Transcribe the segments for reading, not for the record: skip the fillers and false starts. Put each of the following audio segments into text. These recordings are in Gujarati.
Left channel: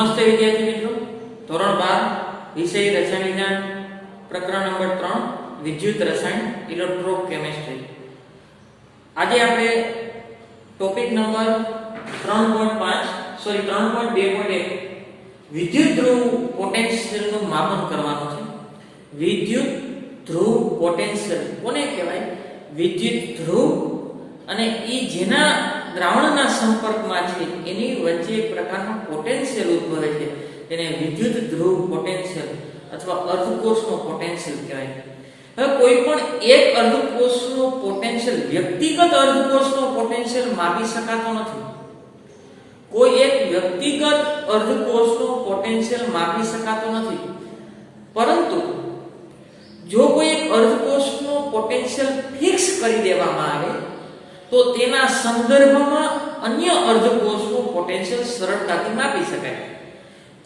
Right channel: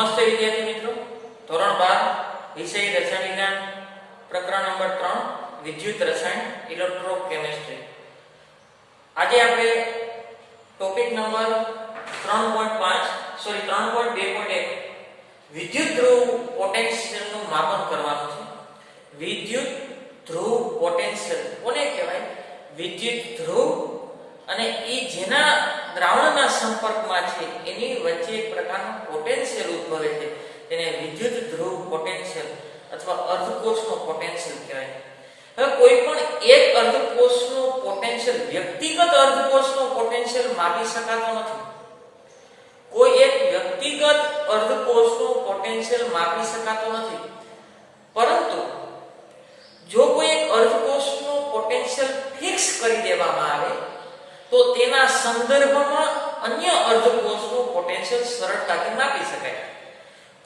નમસ્તે વિદ્યાર્થી મિત્રો, ધોરણ 12 વિષય રસાયણ વિજ્ઞાન પ્રકરણ નંબર 3 વિદ્યુત રસાયણ ઇલેક્ટ્રોકેમિસ્ટ્રી. આજે આપણે ટોપિક નંબર 3.2.1 વિદ્યુત ધ્રુવ પોટેન્શિયલનું માપન કરવાનું છે. વિદ્યુત ધ્રુવ પોટેન્શિયલ કોને કહેવાય? વિદ્યુત ધ્રુવ અને એ જેના દ્રાવણના સંપર્કમાં છે એની વચ્ચે એક પ્રકારનો પોટેન્શિયલ ઉદ્ભવે છે તેને વિદ્યુત ધ્રુવ પોટેન્શિયલ અથવા અર્ધકોષનો પોટેન્શિયલ કહેવાય. હવે કોઈ પણ એક અર્ધકોષનો પોટેન્શિયલ વ્યક્તિગત અર્ધકોષનો પોટેન્શિયલ માપી શકાતો નથી. કોઈ એક વ્યક્તિગત અર્ધકોષનો પોટેન્શિયલ માપી શકાતો નથી. પરંતુ જો કોઈ એક અર્ધકોષનો પોટેન્શિયલ ફિક્સ કરી દેવામાં આવે તો તેના સંદર્ભમાં અન્ય અર્ધકોષનો પોટેન્શિયલ સરળતાથી માપી શકાય.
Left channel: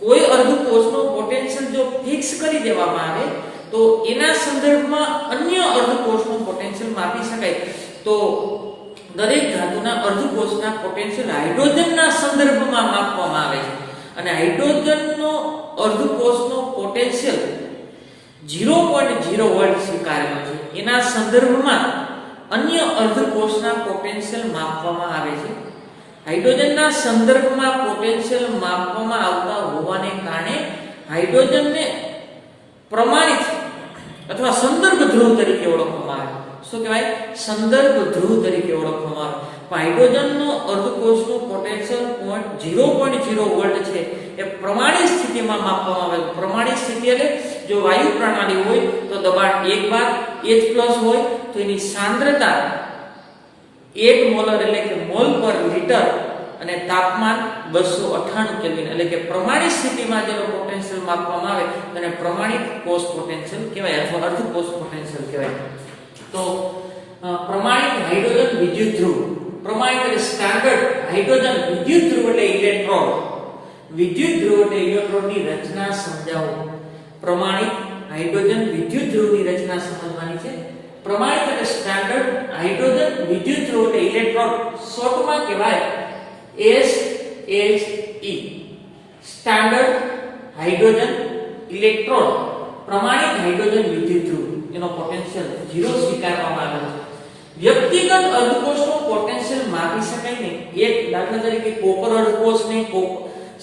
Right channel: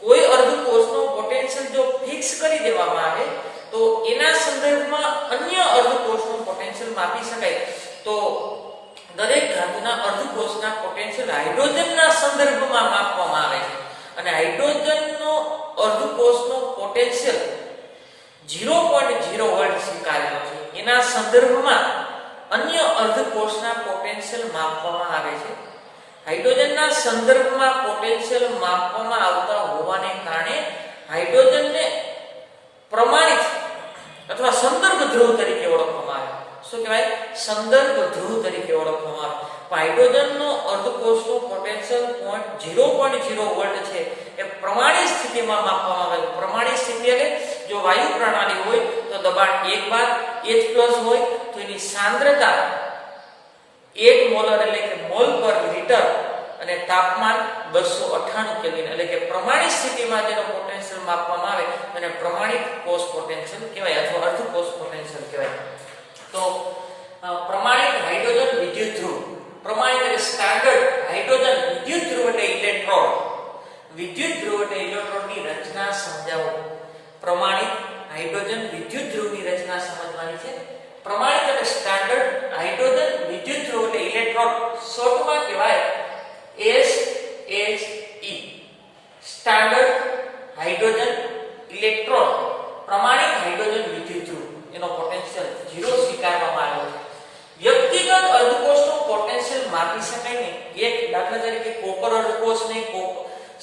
કોઈ અર્ધકોષનો પોટેન્શિયલ જો ફિક્સ કરી દેવામાં આવે તો એના સંદર્ભમાં અન્ય અર્ધકોષનો પોટેન્શિયલ માપી શકાય. તો દરેક ધાતુના અર્ધકોષના પોટેન્શિયલ હાઇડ્રોજનના સંદર્ભમાં માપવામાં આવે છે અને હાઇડ્રોજનનો અર્ધકોષનો પોટેન્શિયલ 0.0 વોલ્ટ સ્વીકારેલો છે. એના સંદર્ભમાં અન્ય અર્ધકોષના પોટેન્શિયલ માપવામાં આવે છે. હાઇડ્રોજનના સંદર્ભમાં પોટેન્શિયલ માપવામાં આવતા હોવાને કારણે હાઇડ્રોજનને પ્રમાણિત અથવા સંદર્ભ ધ્રુવ તરીકે ઓળખવામાં આવે. શું કહેવાય? સંદર્ભ ધ્રુવ તરીકે ઓળખવામાં આવે. હાઇડ્રોજનનો અર્ધકોષનો પોટેન્શિયલ 0.0 વોલ્ટ છે એ પ્રમાણિત સ્થિતિમાં માપવામાં આવે. પ્રમાણિત સ્થિતિ એટલે જો વાયુ પ્રણાલી હોય તો દબાણ 1 બાર H+ હોય તો એની સાંદ્રતા 1 મોલર એટલે કે મોલ પર લિટર અને તાપમાન 298 કેલ્વિન એટલે કે પ્રમાણિત સ્થિતિમાં જેનો પોટેન્શિયલ માપવામાં આવે તેને પ્રમાણિત કોષ પોટેન્શિયલ કહેવાય અથવા અર્ધકોષ પોટેન્શિયલ કહેવાય. તો પ્રમાણિત હાઇડ્રોજન વિદ્યુત ધ્રુવ, પ્રમાણિત એટલે સ્ટાન્ડર્ડ હાઇડ્રોજન વિદ્યુત ધ્રુવ એટલે ઇલેક્ટ્રોડ, વિદ્યુત ધ્રુવ એટલે ઇલેક્ટ્રોડની રચના સમજાવો. પ્રમાણિત હાઇડ્રોજન વિદ્યુત ધ્રુવની રચના સમજવાની છે. પ્રમાણિત એટલે સ્ટાન્ડર્ડ હાઇડ્રોજન વિદ્યુત ધ્રુવ એટલે ઇલેક્ટ્રોડ, શોર્ટમાં કહેવાય SHE, સ્ટાન્ડર્ડ હાઇડ્રોજન ઇલેક્ટ્રોડ. પ્રમાણિત હાઇડ્રોજન વિદ્યુત ધ્રુવ એનો પોટેન્શિયલ 0 સ્વીકારવામાં આવ્યો છે. વ્યક્તિગત અર્ધકોષનો પોટેન્શિયલ માપી શકાય નહીં. એક દાખલા તરીકે કોપર અર્ધકોષને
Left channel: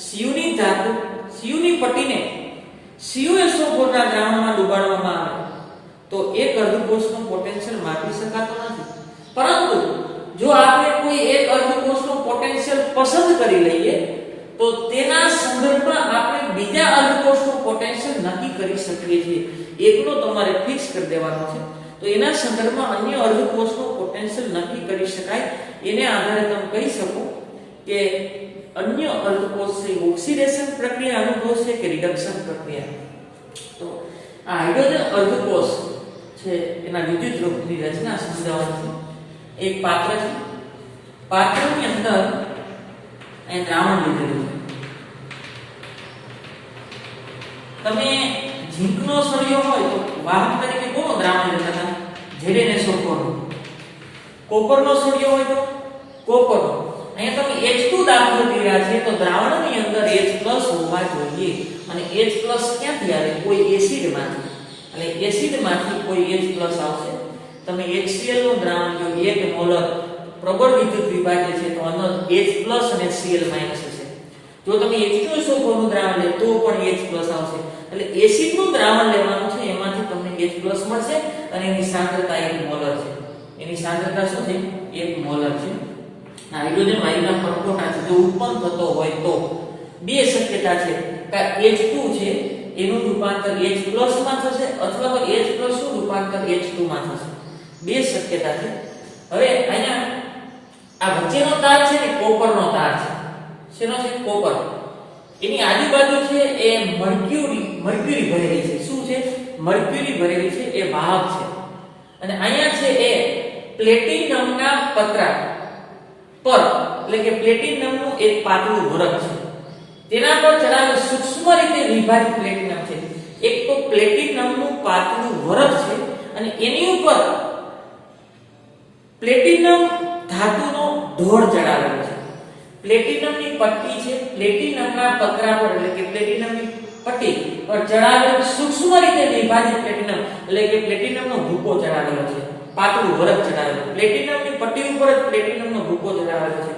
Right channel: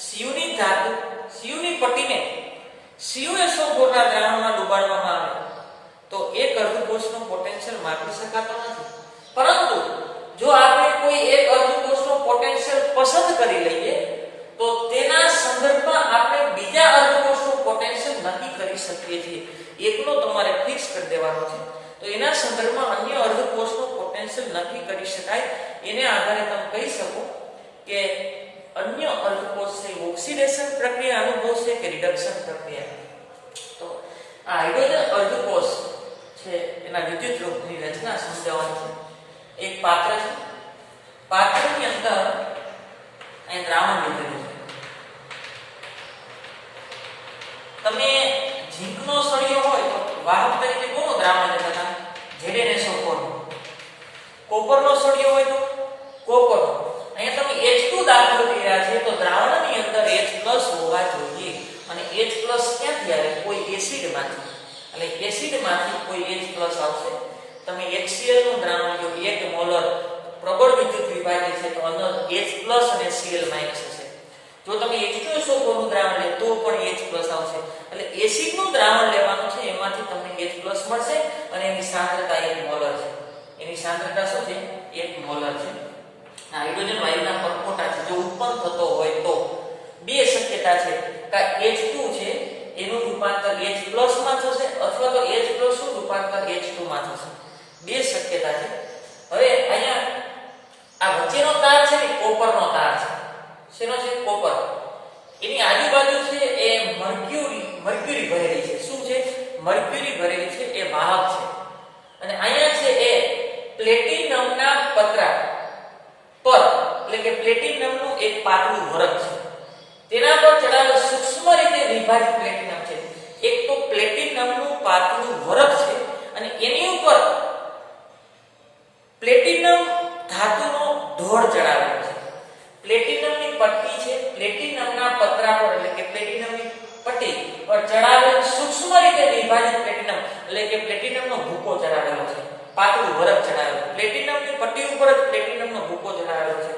Cuની ધાતુ Cuની પટ્ટીને CuSO4 ના દ્રાવણમાં ડુબાડવામાં આવે તો એક અર્ધકોષનો પોટેન્શિયલ માપી શકાતો નથી. પરંતુ જો આપણે કોઈ એક અર્ધકોષનો પોટેન્શિયલ પસંદ કરી લઈએ તો તેના સંદર્ભમાં આપણે બીજા અર્ધકોષનો પોટેન્શિયલ નક્કી કરી શકીએ છીએ. એકનો તમારે ફિક્સ કરી દેવાનો છે તો એના સંદર્ભમાં અન્ય અર્ધકોષનો પોટેન્શિયલ નક્કી કરી શકાય. એને આધારે તમે કહી શકો કે અન્ય અર્ધકોષ છે ઓક્સિડેશન પ્રક્રિયા અનુભવશે કે રિડક્શન પ્રક્રિયા. તો આ હાઇડ્રોજન અર્ધકોષ છે એના વિદ્યુત ધ્રુવની રચના સમજાવવાની છે. એક પાત્ર છે, પાત્રની અંદર અહીં દ્રાવણ લીધેલું છે. તમે ઝીંકનો સળિયો હોય તો વાહક તરીકે કોનું દ્રાવણ લેતા હતા? ZnSO4. કોપરનો સળિયો હોય તો કોપરનો. અહીંયા તમે H2 દાખલ કર્યા છે તો દ્રાવણની અંદર H+ હોવા જોઈએ અને H+ ક્યાંથી આવે? કોઈ એસિડમાંથી. એટલે એસિડમાંથી કોઈ H+ આવશે. તમે HCl નું દ્રાવણ જો 1 મોલર પ્રબળ વિદ્યુત વિભાજ્ય છે તો અંદર H+ અને Cl- હશે. જો તમે H2SO4 નું દ્રાવણ લે તો પણ H+ આવશે. એટલે એસિડ નું દ્રાવણ લેવાનું છે એમાંથી તમને H+ મળશે અને એની સાંદ્રતા 1 મોલર છે. એની સાંદ્રતા શું છે? 1 મોલર છે. હાઇડ્રોજન વાયુના પરપોટા છે જો ઉત્પન્ન થતો હોય તો બે શક્યતા છે કે H2 છે એનું રૂપાંતર H+ માં થશે અથવા તો H+ નું રૂપાંતર H2 માં થશે. બે શક્યતા છે. હવે અહીંયા આ વચ્ચેનો તાર છે ને કોપરનો તાર છે. શેનો છે? કોપર. એની આજુબાજુ છે એ મર્ક્યુરી ભરેલી છે. શું છે? મર્ક્યુરી ભરેલી છે. એ વાહક છે. અને અહીંયા છે એ પ્લેટિનમના પતરા પર એટલે કે પ્લેટિનમનું એક પાતળું વરખ છે. તેના પર ચડાવેલ સૂક્ષ્મ રીતે વિભાજિત પ્લેટિનમ છે. એક તો પ્લેટિનમનું પાતળું વરખ છે અને એની ઉપર પ્લેટિનમ ધાતુનો ઢોળ ચડાવેલો છે. પ્લેટિનમની પટ્ટી છે, પ્લેટિનમના પતરા પર એટલે કે પ્લેટિનમની પટ્ટી પર ચડાવેલ સૂક્ષ્મ રીતે વિભાજિત પ્લેટિનમ એટલે કે પ્લેટિનમનો ભૂકો ચડાવેલો છે, પાતળું વરખ ચડાવેલું, પ્લેટિનમની પટ્ટી ઉપર જ પ્લેટિનમનો ભૂકો ચડાવેલો છે.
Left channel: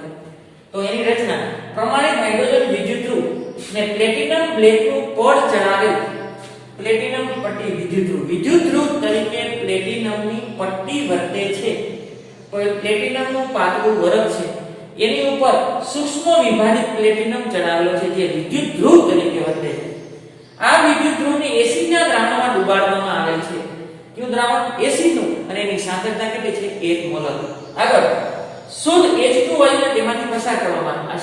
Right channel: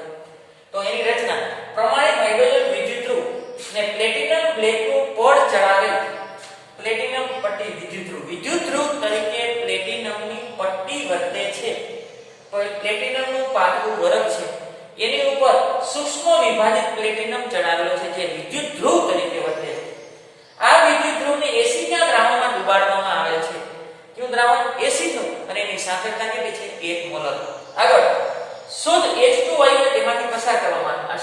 તો એની રચના પ્રમાણિત હાઇડ્રોજન વિદ્યુતધ્રુવ ને પ્લેટિનમ બ્લેકનું પડ ચડાવેલ પ્લેટિનમ પટ્ટી વિદ્યુતધ્રુવ તરીકે પ્લેટિનમની પટ્ટી વર્તે છે. પ્લેટિનમનું પાતળું વરખ છે, એની ઉપર સૂક્ષ્મ વિભાજિત પ્લેટિનમ ચડાવેલો છે જે વિદ્યુતધ્રુવ તરીકે વર્તે છે. આ વિદ્યુતધ્રુવને એસિડના દ્રાવણમાં ડુબાડવામાં આવે છે. કયું દ્રાવણ? એસિડનું. અને એની સાંદ્રતા કેટલી છે? 1 મોલર. આગળ શુદ્ધ H2 વાયુને તેમાંથી પસાર કરવામાં આવે. આ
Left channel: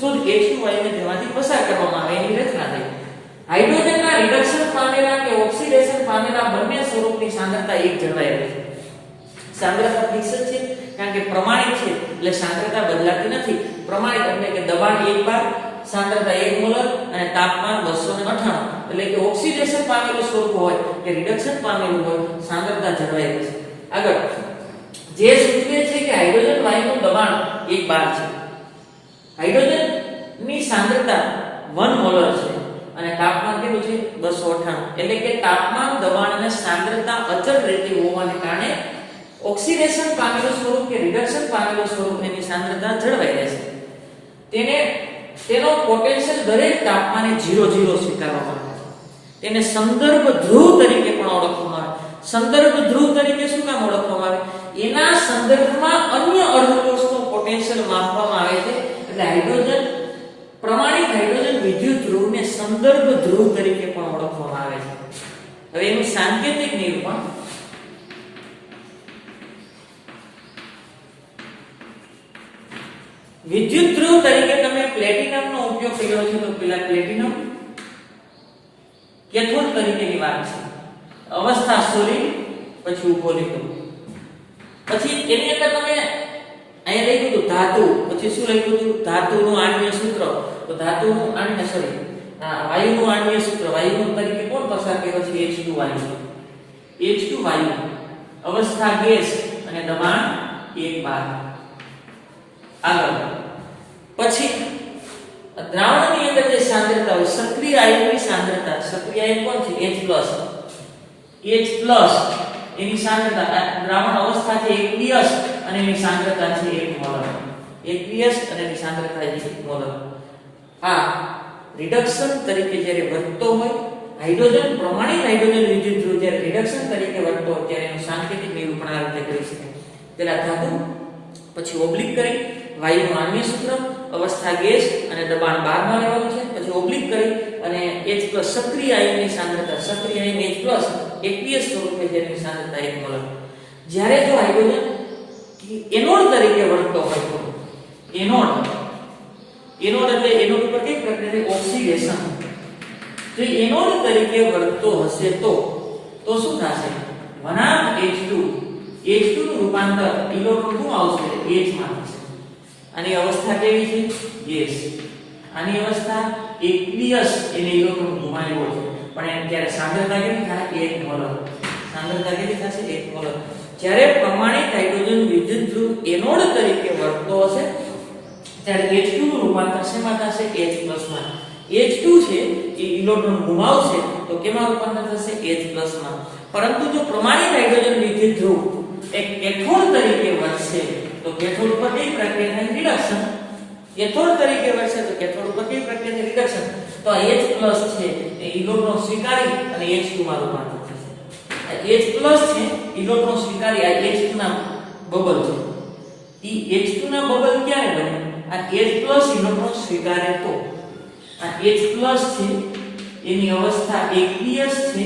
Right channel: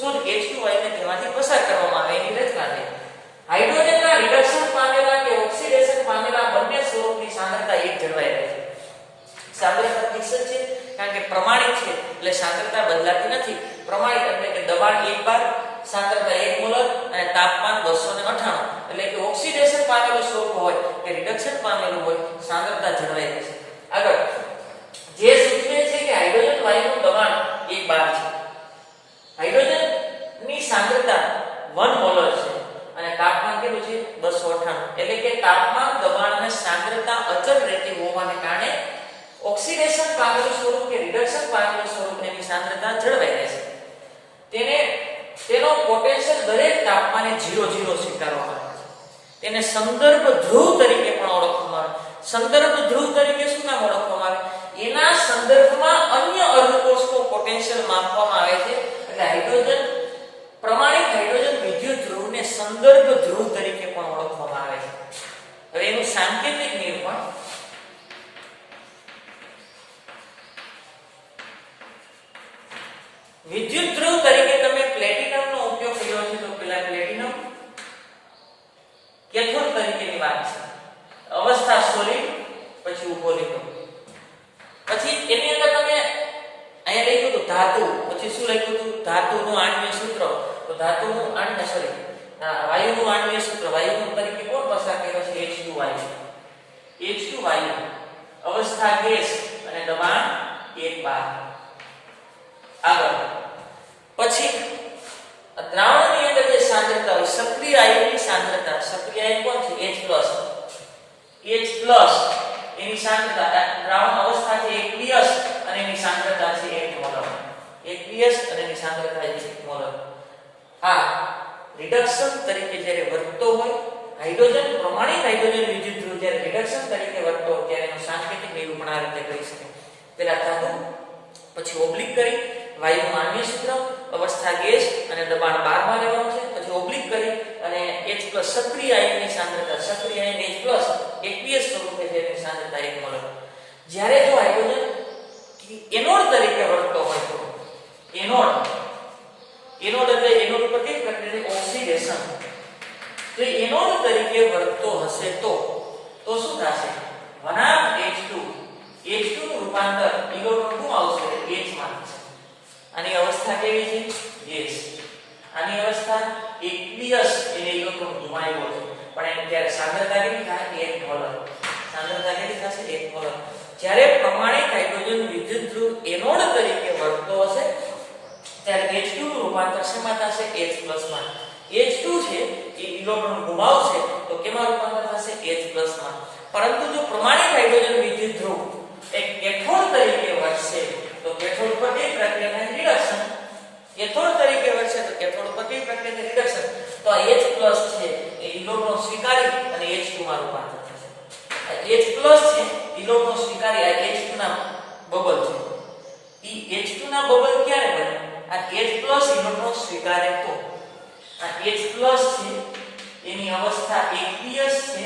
શુદ્ધ H2 વાયુને તેમાંથી પસાર કરવામાં આવે એની રચના છે. હાઇડ્રોજનના રિડક્શન પામેલા કે ઓક્સિડેશન પામેલા બંને સ્વરૂપની સાંદ્રતા એક જળવાઈ રહે છે. સાંદ્રતા ફિક્સ છે કારણ કે પ્રમાણિત છે એટલે સાંદ્રતા બદલાતી નથી. પ્રમાણિત એટલે કે દબાણ 1 બાર, સાંદ્રતા 1 મોલર અને તાપમાન 298 એટલે કે ઓક્સિડેશન પામેલું સ્વરૂપ હોય કે રિડક્શન પામેલું હોય સાંદ્રતા જળવાઈ રહે છે. આગળ જે સૂચવે છે કે હાઇડ્રોજન વાયુનું દબાણ 1 બાર છે, હાઇડ્રોજનની સાંદ્રતા 1 મોલર છે અને તાપમાન કેટલું છે? 298 એટલે કે તાપમાન, દબાણ અને સાંદ્રતા અચળ રહેતી હોવાને કારણે ઓક્સિડેશન પામેલું સ્વરૂપ કે રિડક્શન પામેલું સ્વરૂપ એની સાંદ્રતા જળવાઈ રહેશે. તેનો પોટેન્શિયલ દરેક તાપમાને 0 સ્વીકારવામાં આવે છે. તેને સંદર્ભ ધ્રુવ તરીકે પણ ઓળખવામાં આવે. સંદર્ભ ધ્રુવ તરીકે શું નામ ઓળખવામાં આવે? એના સંદર્ભમાં અન્ય અર્ધકોષનું પોટેન્શિયલ માપવામાં આવે છે. એટલે હાઇડ્રોજન પ્રમાણિત હાઇડ્રોજન વિદ્યુતધ્રુવને સંદર્ભ ધ્રુવ તરીકે પણ ઓળખવામાં આવે છે. હવે એનું સાંકેતિક નિરૂપણ વિદ્યુતધ્રુવ તરીકે તમે પ્લેટિનમનો ઉપયોગ કર્યો છે તો પેલા પ્લેટિનમ કેથોડ તરીકેની વાત છે. અવસ્થા સોલિડ, પછી ઉભો લીધો, પછી એની અંદર તમે અહીંયા લખ્યું હતું ધાતુ, પછી શું લખ્યું હતું? ધાતુનું આણ્વીય સૂત્ર. તો ધાતુનું આણ્વીય વાયુનું આણ્વીય સૂત્ર, વાયુનું તરીકે કોણ પસાર કર્યો છે? H2 વાયુ. H2 વાયુ, અવસ્થા ગેસ અને દબાણ 1 બાર. આગળ પછી દ્રાવણની અંદર જે સાંદ્રતા હોય, સક્રિય આયનની સાંદ્રતા, સક્રિય આયન કોણ છે? H+, એની સાંદ્રતા દ્રાવણ અવસ્થા છે aqueous અને એની સાંદ્રતા છે 1 મોલર. aqueous અને એની સાંદ્રતા છે 1 મોલર. આ રિડક્શન તરીકે જ્યારે વર્તતો હોય, હાઇડ્રોજન પ્રમાણિત હાઇડ્રોજન વિદ્યુતધ્રુવ જ્યારે રિડક્શન તરીકે વર્તતો હોય ત્યારે એનું સાંકેતિક નિરૂપણ આ રીતે કરી શકાય. પહેલા ધાતુ, પછી ઓબ્લિક કરી વાયુનું આણ્વીય સૂત્ર, અવસ્થા ગેસ અને દબાણ 12 માં લેવાનું છે, પછી ઓબ્લિક કરી અને H+ સક્રિય આયનની સાંદ્રતા, સક્રિય આયન H+ aqueous સ્વરૂપે છે એની સાંદ્રતા 1 મોલર. જ્યારે જો હાઇડ્રોજન એનોડ તરીકે વર્તતો હોય તો એનોડ એટલે એનોડ ઉપર કઈ પ્રક્રિયા? ઓક્સિડેશન. જો એનોડ તરીકે વર્તતો હશે તો શું થશે? 1/H2 નું રૂપાંતર ઇલેક્ટ્રોન શું આવશે? H માં થશે. આની અવસ્થા કેવી છે? ગેસ. આની અવસ્થા aqueous, એને ઇલેક્ટ્રોન ગુમાવ્યો છે પણ એને ત્યારે સાંદ્રતા કેટલી થાય? 1 મોલર. સાંદ્રતા કેટલી થશે? 1 મોલર. જ્યારે પ્રમાણિત હાઇડ્રોજન વિદ્યુતધ્રુવ એનોડ તરીકે વર્તતો હશે ત્યારે H2 નું રૂપાંતર શેમાં થશે? H+ માં. H2 છે એ ઇલેક્ટ્રોન ગુમાવશે તો કેમાં રૂપાંતર થશે? H+ માં. પરંતુ જો પ્રમાણિત હાઇડ્રોજન વિદ્યુતધ્રુવ એક કેથોડ તરીકે વર્તશે તો કેથોડ ઉપર કઈ પ્રક્રિયા થાય? રિડક્શન. કેથોડ તરીકે વર્તશે તો કેથોડ ઉપર કઈ પ્રક્રિયા થાય? રિડક્શન. તો આ H+ છે એ ઇલેક્ટ્રોન સ્વીકારી અને H2 માં રૂપાંતર થશે. આ H+ છે ઇલેક્ટ્રોન સ્વીકારી આ H2 ના બબલ છે. ઈ H2 ના બબલ ક્યારે બને? આ H+ ઇલેક્ટ્રોન સ્વીકારે તો. આ H+ છે એની અવસ્થા aqueous છે,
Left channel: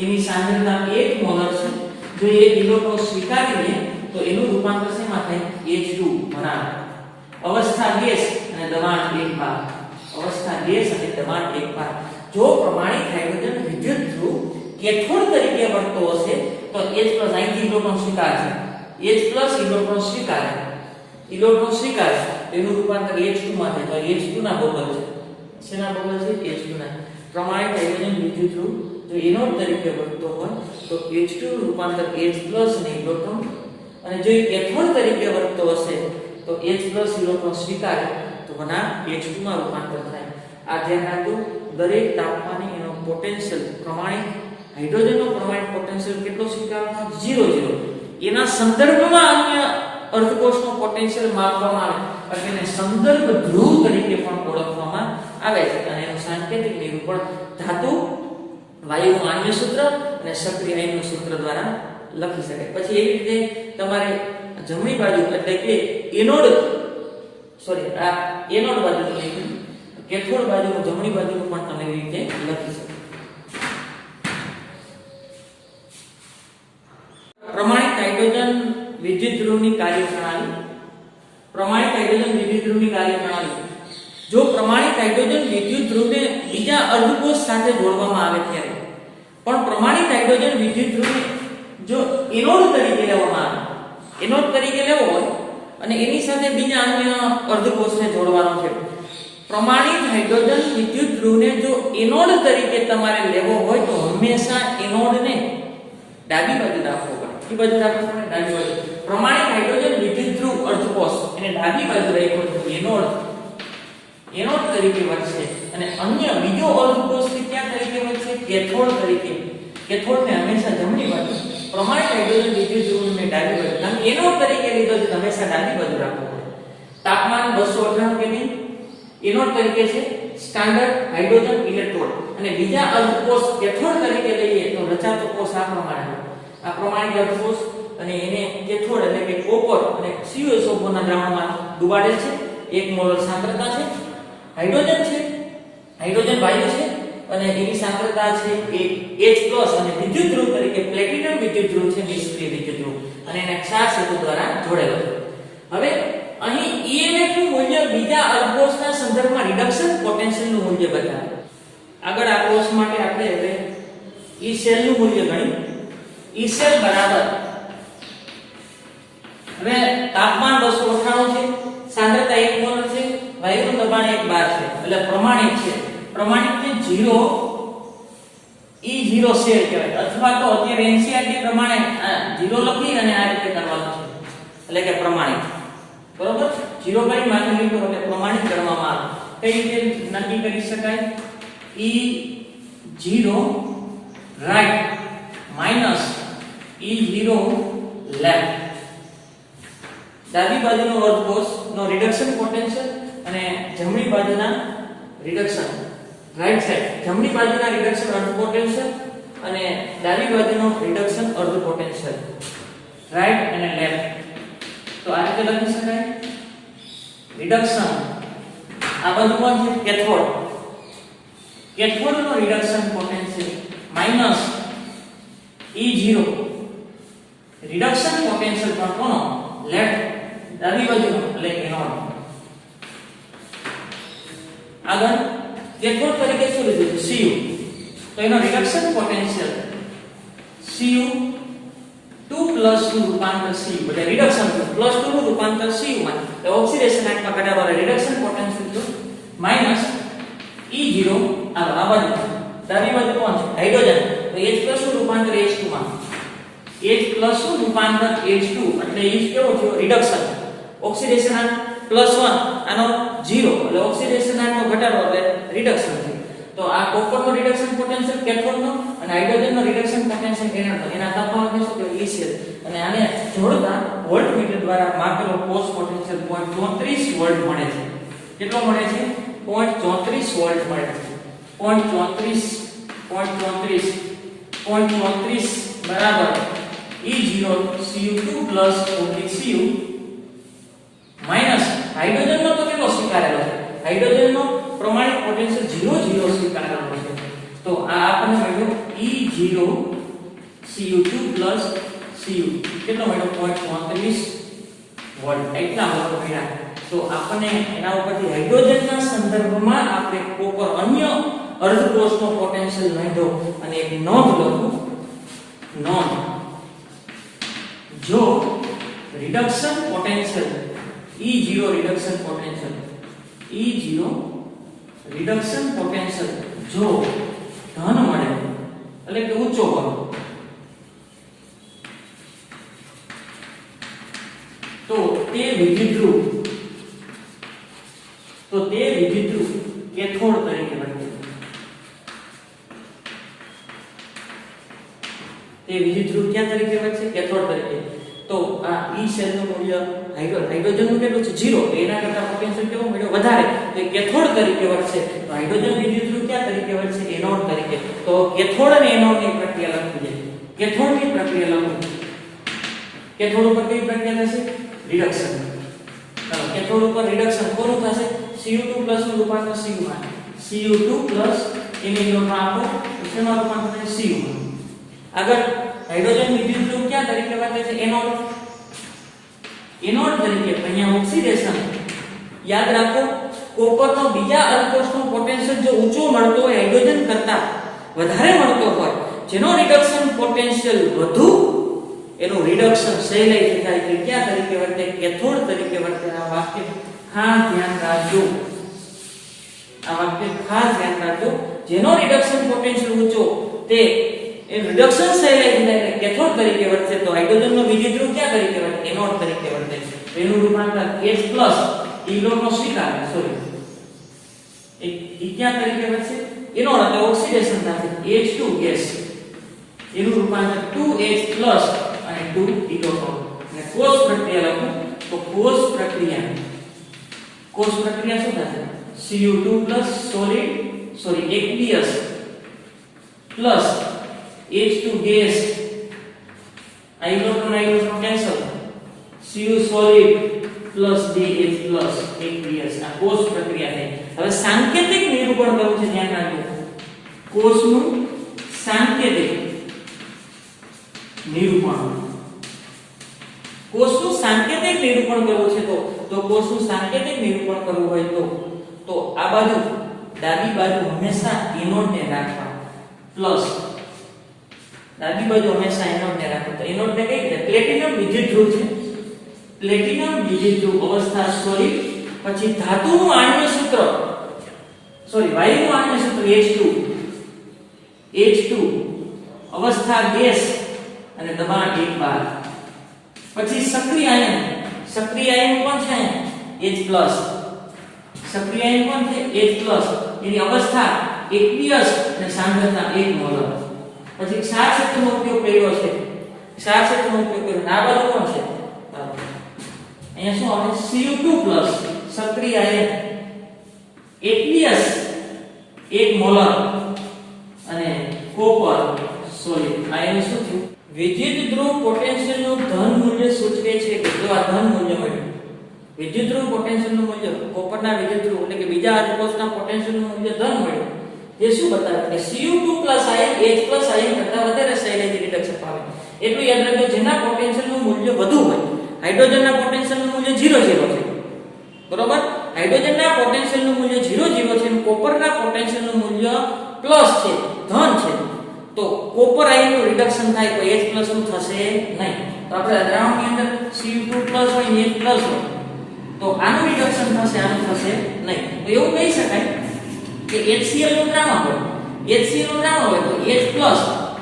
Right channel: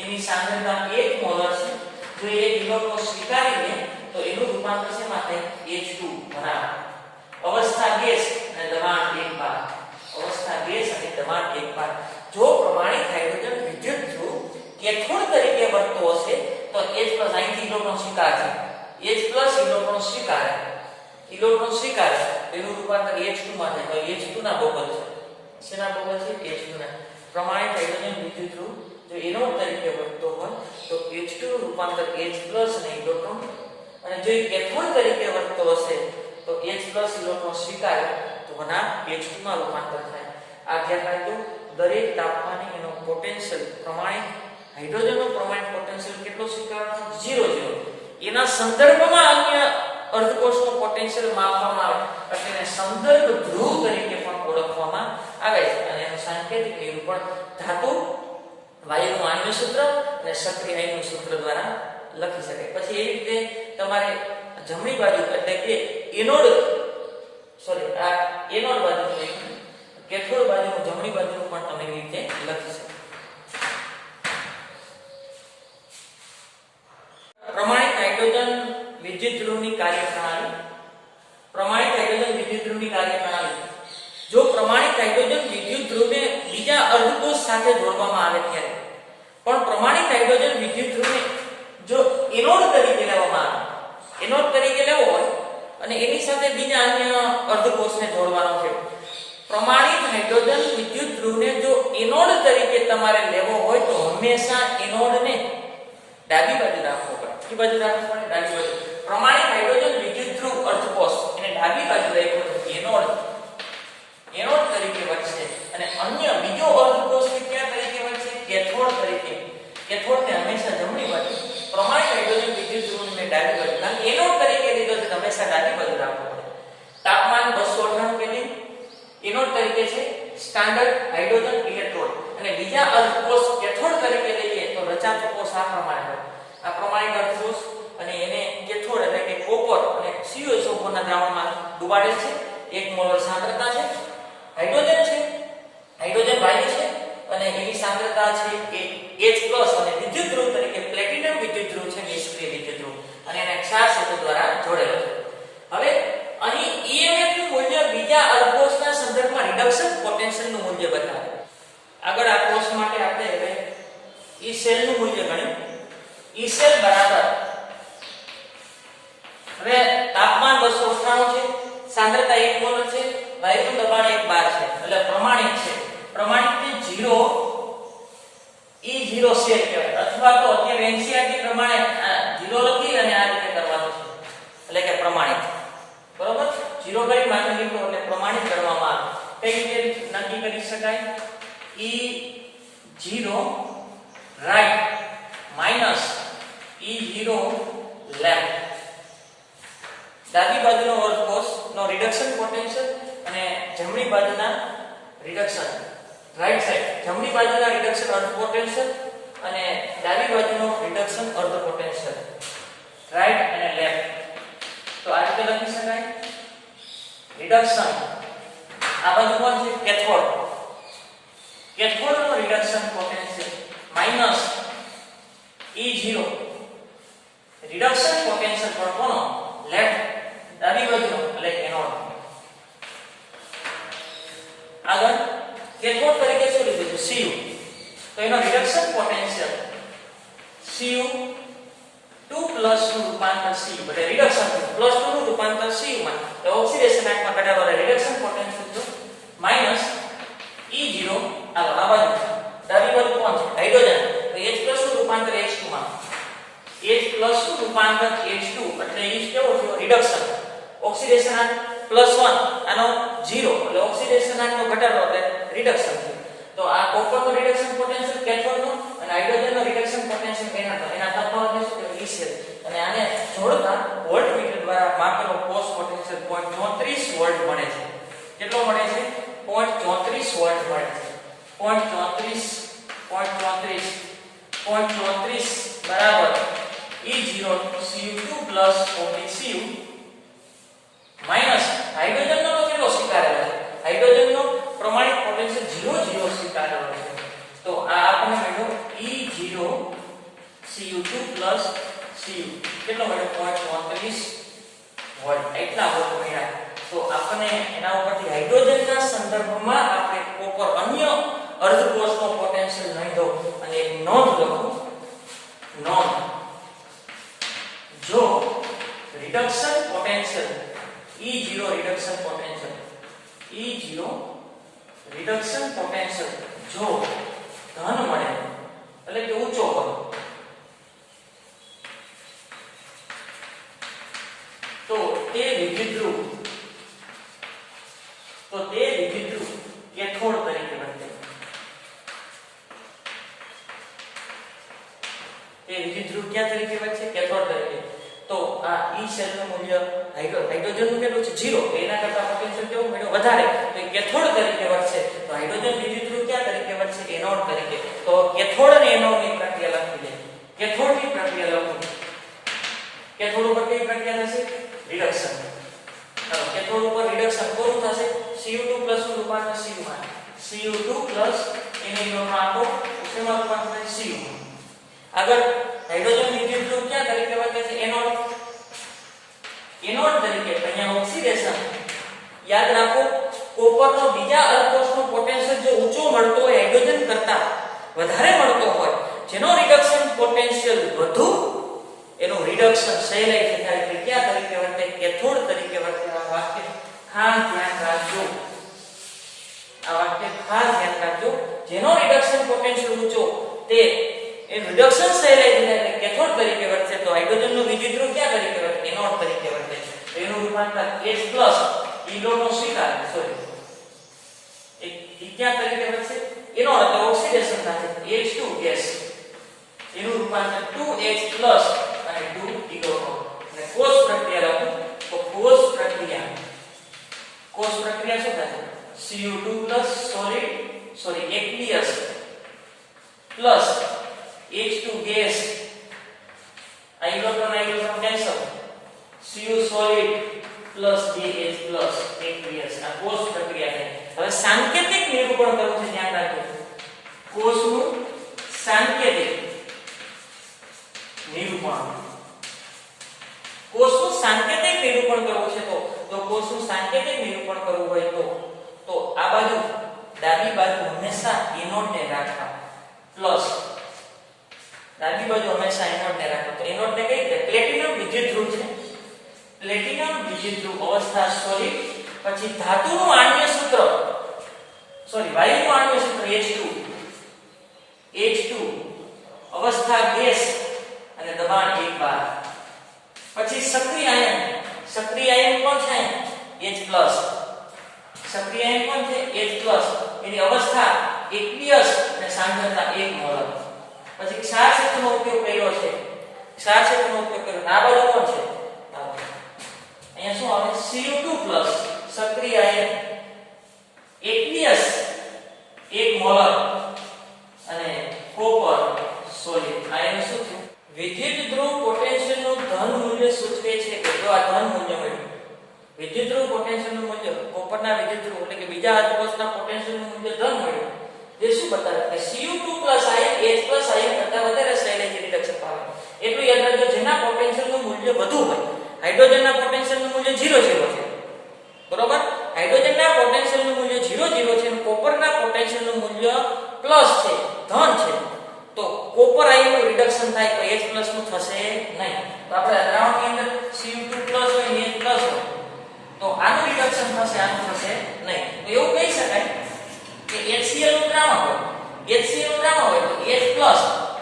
એની સાંદ્રતા 1 મોલર છે. જો એ ઇલેક્ટ્રોન સ્વીકારી લે તો એનું રૂપાંતર શેમાં થાય? H2 બનાવે. અવસ્થા ગેસ અને દબાણ 1 બાર. અવસ્થા ગેસ અને દબાણ 1 બાર. જો પ્રમાણિત હાઇડ્રોજન વિદ્યુતધ્રુવ કેથોડ તરીકે વર્તતો હશે તો H+ અહીંથી ઇલેક્ટ્રોન સ્વીકારશે. H+ ઇલેક્ટ્રોન સ્વીકારે એનું રૂપાંતર H2 માં થાય. તો H2 ના બબલ છે. શેના બબલ છે? H2 ના. પ્રમાણિત હાઇડ્રોજન વિદ્યુતધ્રુવ જો એનોડ તરીકે વર્તતો હોય તો H2 નું રૂપાંતર H+ અને ઇલેક્ટ્રોન, અને જો કેથોડ તરીકે વર્તતો હશે તો H+ ઇલેક્ટ્રોન સ્વીકારે તો તો વનાંક H2 માં રૂપાંતર થાય. આ ધ્યાન રાખજો. દરેક તાપમાને એનો પોટેન્શિયલ પ્રમાણિત હાઇડ્રોજનનો પ્રમાણિત પોટેન્શિયલ કેટલો સ્વીકારવાનો 0 એના સંદર્ભમાં અન્ય અર્ધકોષનો પોટેન્શિયલ માપવામાં આવે એટલે એને સંદર્ભ ધ્રુવ તરીકે પણ ઓળખવામાં આવે છે અને એનું સાંકેતિક નિરૂપણ ધાતુ વાયુનું આણ્વિક સૂત્ર અને સક્રિય આયનનું સૂત્ર દ્વારા લખી શકાય. પછી એવી રીતે તમારે જમણી બાજુ એટલે કે આ એનોડ બાજુનું લખ્યું, કેથોડ બાજુનું જમણી બાજુનું પણ તમે એવી રીતે લખી શકો. પ્રમાણિત હાઇડ્રોજન વિદ્યુત ધ્રુવની કાર્યપ્રણાલી. પ્રમાણિત હાઇડ્રોજન વિદ્યુત ધ્રુવની કાર્યપ્રણાલી. જો પ્રમાણિત હાઇડ્રોજન વિદ્યુત ધ્રુવને બીજા અર્ધકોષ સાથે જોડવામાં આવે ત્યારે પણ પ્રમાણિત હાઇડ્રોજન વિદ્યુત ધ્રુવને જો એનોડ તરીકે લેવામાં આવે, એનોડ તરીકે લેવો હોય અને એની સાથે બીજા અન્ય અર્ધકોષને જોડવાનો છે. પ્રમાણિત હાઇડ્રોજન વિદ્યુત ધ્રુવને જો એનોડ તરીકે તમારે લેવો હોય તો હંમેશા એનોડને ડાબી બાજુ રાખવો પડે. કઈ બાજુ રાખવો પડે? ડાબી બાજુ. પ્રમાણિત હાઇડ્રોજન વિદ્યુત ધ્રુવ અર્ધકોષ એને ડાબી બાજુ રાખ્યો તો એનોડ તરીકે વર્તશે અને અન્ય બીજો અર્ધકોષ ક્યાં તરીકે વર્તશે? કેથોડ તરીકે. કેથોડને હંમેશા જમણી બાજુ, પ્રમાણિત હાઇડ્રોજન વિદ્યુત ધ્રુવને ડાબી બાજુ. અને એનોડ તરીકે લીધો છે હંમેશા ડાબી બાજુ રાખવો પડે. તાપમાન 298 કેલ્વિન એનોડ તરીકે છે સ્ટાન્ડર્ડ હાઇડ્રોજન ઇલેક્ટ્રોડ અને બીજા અર્ધકોષ કેથોડ તરીકે લઈએ તો રચાતો કોષ આ પ્રમાણે હોય. આ પ્રમાણિત અર્ધકોષ અને એને કેથોડ એટલે કે કોપર અને CuSO4 ના દ્રાવણમાં ડુબાડેલ છે. 1 મોલર સાંદ્રતા છે. હાઇડ્રોજન છે, હાઇડ્રોજન વાયુ છે અને એની સાંદ્રતા છે H+ અને વિદ્યુત ધ્રુવ તરીકે પ્લેટિનમ વિદ્યુત ધ્રુવ છે, નિષ્ક્રિય વિદ્યુત ધ્રુવ અને એને ક્ષાર સેતુ દ્વારા જોડેલો છે. હવે અહીં EMF નું મૂલ્ય બીજા અર્ધકોષના સંદર્ભમાં રિડક્શન પોટેન્શિયલ નું મૂલ્ય બતાવે. આગળ આ કોષ માટે આપણે હવે E સેલ નું મૂલ્ય ગણ્યું. E સેલ બરાબર હવે તાપમાન 298 છે, સાંદ્રતા 1 મોલ છે, વાયુનું દબાણ 1 બાર છે એટલે પ્રમાણિત છે. પ્રમાણિત ને 0 E0 સેલ કહેવાય અથવા તો અત્યારે NCERT પ્રમાણે 0 લખી અને આ રીતે કરવાનું છે એટલે કે પ્રમાણિત. બરોબર? 0 કરી માથે લીધો એટલે પ્રમાણિત ગણવામાં આવે. કઈ રીતે નક્કી કરી શકાય? E0 right minus E0 left. ડાબી બાજુનો અર્ધકોષ નો રિડક્શન પોટેન્શિયલ અને જમણી બાજુના રિડક્શન રાઈટ સાઈડ, જમણી બાજુના રિડક્શન અર્ધ પોટેન્શિયલ અને ડાબી બાજુનો રિડક્શન અર્ધ પોટેન્શિયલ રાઈટ અને લેફ્ટ. તો આ રીતે લખી શકાય. રિડક્શન આ બાજુ કોણ છે? કેથોડ. કેથોડ નો reduction potential minus E0 reduction potential પણ કોનો? લેફ્ટ ડાબી બાજુનો એટલે એનોડ. આગળ કેથોડ તરીકે શું લીધું છે? Cu. તો એનો રિડક્શન પોટેન્શિયલ Cu2 પ્લસ નું રૂપાંતર Cu એટલે રિડક્શન પ્લસ 2 નું રૂપાંતર Cu માં એટલે ઓક્સિડેશન આંકમાં ઘટાડો એટલે રિડક્શન પોટેન્શિયલ તો માઈનસ E0 આ બાજુ ડાબી બાજુ કોણ છે? હાઇડ્રોજન. તો H+ નું રૂપાંતર H2 માં, H+ નું રૂપાંતર H2 એટલે H કેવો થયો? રિડક્શન. ઓક્સિડેશન આંક +1 આનો 0 એટલે ઓક્સિડેશન આંકનો ઘટાડો એટલે રિડક્શન છે. તો આ કોપરનો રિડક્શન પોટેન્શિયલ કેથોડનો અને હાઇડ્રોજનનો રિડક્શન પોટેન્શિયલ એનોડનો એના તફાવતને શું કહેવાય? E cell. અને આને જોડતા વોલ્ટમીટર દ્વારા માપેલો કોષ પોટેન્શિયલ 0.34 વોલ્ટ મળે છે. કેટલો મળે છે? 0.34 વોલ્ટ મળે છે. 0.34 બરાબર E0 Cu2 plus 40 Cu minus હાઇડ્રોજનનો તો કેટલો સ્વીકારેલો છે? હાઇડ્રોજનનો પ્રમાણિત પોટેન્શિયલ 0 સ્વીકારેલો છે. તો આ આપણને મળ્યો E0 Cu2 પ્લસ Cu કેટલો મળ્યો? 0.34 વોલ્ટ. એટલા વોલ્ટ મળ્યા. તો આપણને એના ઉપરથી હાઇડ્રોજનના સંદર્ભમાં આપણે કોપર અન્ય અર્ધકોષનો પોટેન્શિયલ નોંધો અને એક નોંધ લખો. નોંધ જો reduction potential E0 reduction potential E0 reduction potential જો ધન મળે એટલે કે ઊંચો હોય તો તે વિદ્યુત ધ્રુવ તો તે વિદ્યુતધ્રુવ કેથોડ તરીકે વર્તે. તે વિદ્યુતધ્રુવ ક્યાં તરીકે વર્તે? કેથોડ તરીકે. તો આ ઈ સેલનું મૂલ્ય હાઇડ્રોજનનું કેટલું છે? 0. તો એના કરતા પોટેન્શિયલ કેવો મળ્યો? વધારે. તો એ કેથોડ તરીકે વર્તશે. તો હાઇડ્રોજન વિદ્યુતધ્રુવ ક્યાં તરીકે વર્તશે? એનોડ તરીકે. તો કેથોડ અને એનોડની પ્રક્રિયા લખી દે. કેથોડની પ્રક્રિયા લખો. કેથોડ ઉપર કઈ પ્રક્રિયા થશે? રિડક્શન. ચાલો કેથોડ ઉપર રિડક્શન કોનું થશે? Cu2+ નું રૂપાંતર Cu માં. Cu2+ એને ઇલેક્ટ્રોન આપો શેમાં રૂપાંતર થશે? Cu માં. આગળ હાઇડ્રોજન વિદ્યુતધ્રુવ ક્યાં તરીકે વર્તે છે? એનોડ. એનોડ તરીકે. અહીંયા ઓક્સિડેશન. યાદ રાખો કોપરનો બીજા અલ્કોસનો પોટેન્શિયલ જો ઊંચો મળતો હોય હાઇડ્રોજન કરતા વધારે મળતો હોય જેનો રિડક્શન પોટેન્શિયલ વધુ એનું રિડક્શન સહેલાઈથી થાય છે ક્યાં તરીકે વર્તે? કેથોડ તરીકે વર્તે. આ વાક્ય ખાસ ધ્યાન રાખજો. આ વાક્ય ખાસ ધ્યાન રાખજો. જેનો રિડક્શન પોટેન્શિયલ ઊંચો તે એ રિડક્શન સહેલાઈથી થાય એટલે કેથોડ તરીકે વર્તે. તો હાઇડ્રોજનનો વિદ્યુતધ્રુવ ક્યાં તરીકે વર્તે? એનોડ તરીકે વર્તે. તો એનું રૂપાંતર H+ ઇલેક્ટ્રોનનો સ્વીકાર એ ક્યાં તરીકે વર્તે? એનોડ એટલે ઓક્સિડેશન થશે H2 ગેસ. એનું રૂપાંતર 2H+ અને 2 ઇલેક્ટ્રોન. અને કોષ પ્રક્રિયા લખો તો કોષ પ્રક્રિયા શું થશે? Cu2+ aqueous plus H2 gas આ electron cancel Cu solid plus 2H+ aqueous. આ કોષ પ્રક્રિયા છે. હવે સાંકેતિક નિરૂપણ કરવું છે ધ્યાન રાખજો. કોષનું સાંકેતિક નિરૂપણ. કોષનું સાંકેતિક નિરૂપણ કરવું છે તો કોષનું સાંકેતિક નિરૂપણ કરવું હોય તો આ બાજુ ડાબી બાજુ હંમેશા એનોડને રાખવા પ્લસ ડાબી બાજુ હંમેશા એનોડને રાખવા. તો એનોડને કઈ રીતે? પ્લેટિનમ વિદ્યુતધ્રુવ છે. પ્લેટિનમ વિદ્યુતધ્રુવ અવસ્થા સોલિડ. પછી ધાતુનું આણ્વીય સૂત્ર વાયુનું આણ્વીય સૂત્ર H2 અવસ્થા ગેસ અને દબાણ 1 બાર. પછી સક્રિય આયન કોણ છે? H+. સક્રિય આયન કોણ છે? H+. એની અવસ્થા aqueous અને સાંદ્રતા 1 મોલ. પછી ક્ષાર ક્ષેત્રનો ઉપયોગ કર્યો છે. આ બાજુ કોણ છે? અહીંયા શું આવે? Cu2+ સક્રિય આયન aqueous 1 મોલ અને કોપર સોલિડ. આ એનું શું થયું? વિદ્યુતધ્રુવ પોટેન્શિયલનું ધન મૂલ્ય સૂચવે છે કે જો આ ધન મૂલ્ય મળ્યું વિદ્યુતધ્રુવ પોટેન્શિયલનું મૂલ્ય કોપરના વિદ્યુતધ્રુવ એટલે કે બીજા અર્ધકોષના પોટેન્શિયલનું મૂલ્ય ધન મળ્યું એ શું બતાવે કે Cu2+ આયન H+ આયન કરતા વધારે સહેલાઈથી રિડક્શન પામે. એટલું યાદ રાખજો જેના પોટેન્શિયલનું મૂલ્ય વધુ હોય. હાઇડ્રોજનના પોટેન્શિયલનું મૂલ્ય 0 છે બરોબર. હાઇડ્રોજનના પોટેન્શિયલનું મૂલ્ય 0 છે અને કોપરના પોટેન્શિયલનું મૂલ્ય પ્લસ છે ધન છે. તો કોપર આયનનું રિડક્શન થાય તો H+ નું થશે નહીં. તો આપણે દ્રાવણની અંદર Cu2+ હોય ને H+ હોય તો આનું રિડક્શન થશે આનું થશે નહીં. તો એવું કહી શકાય કે HCl નું દ્રાવણ હોય તો H+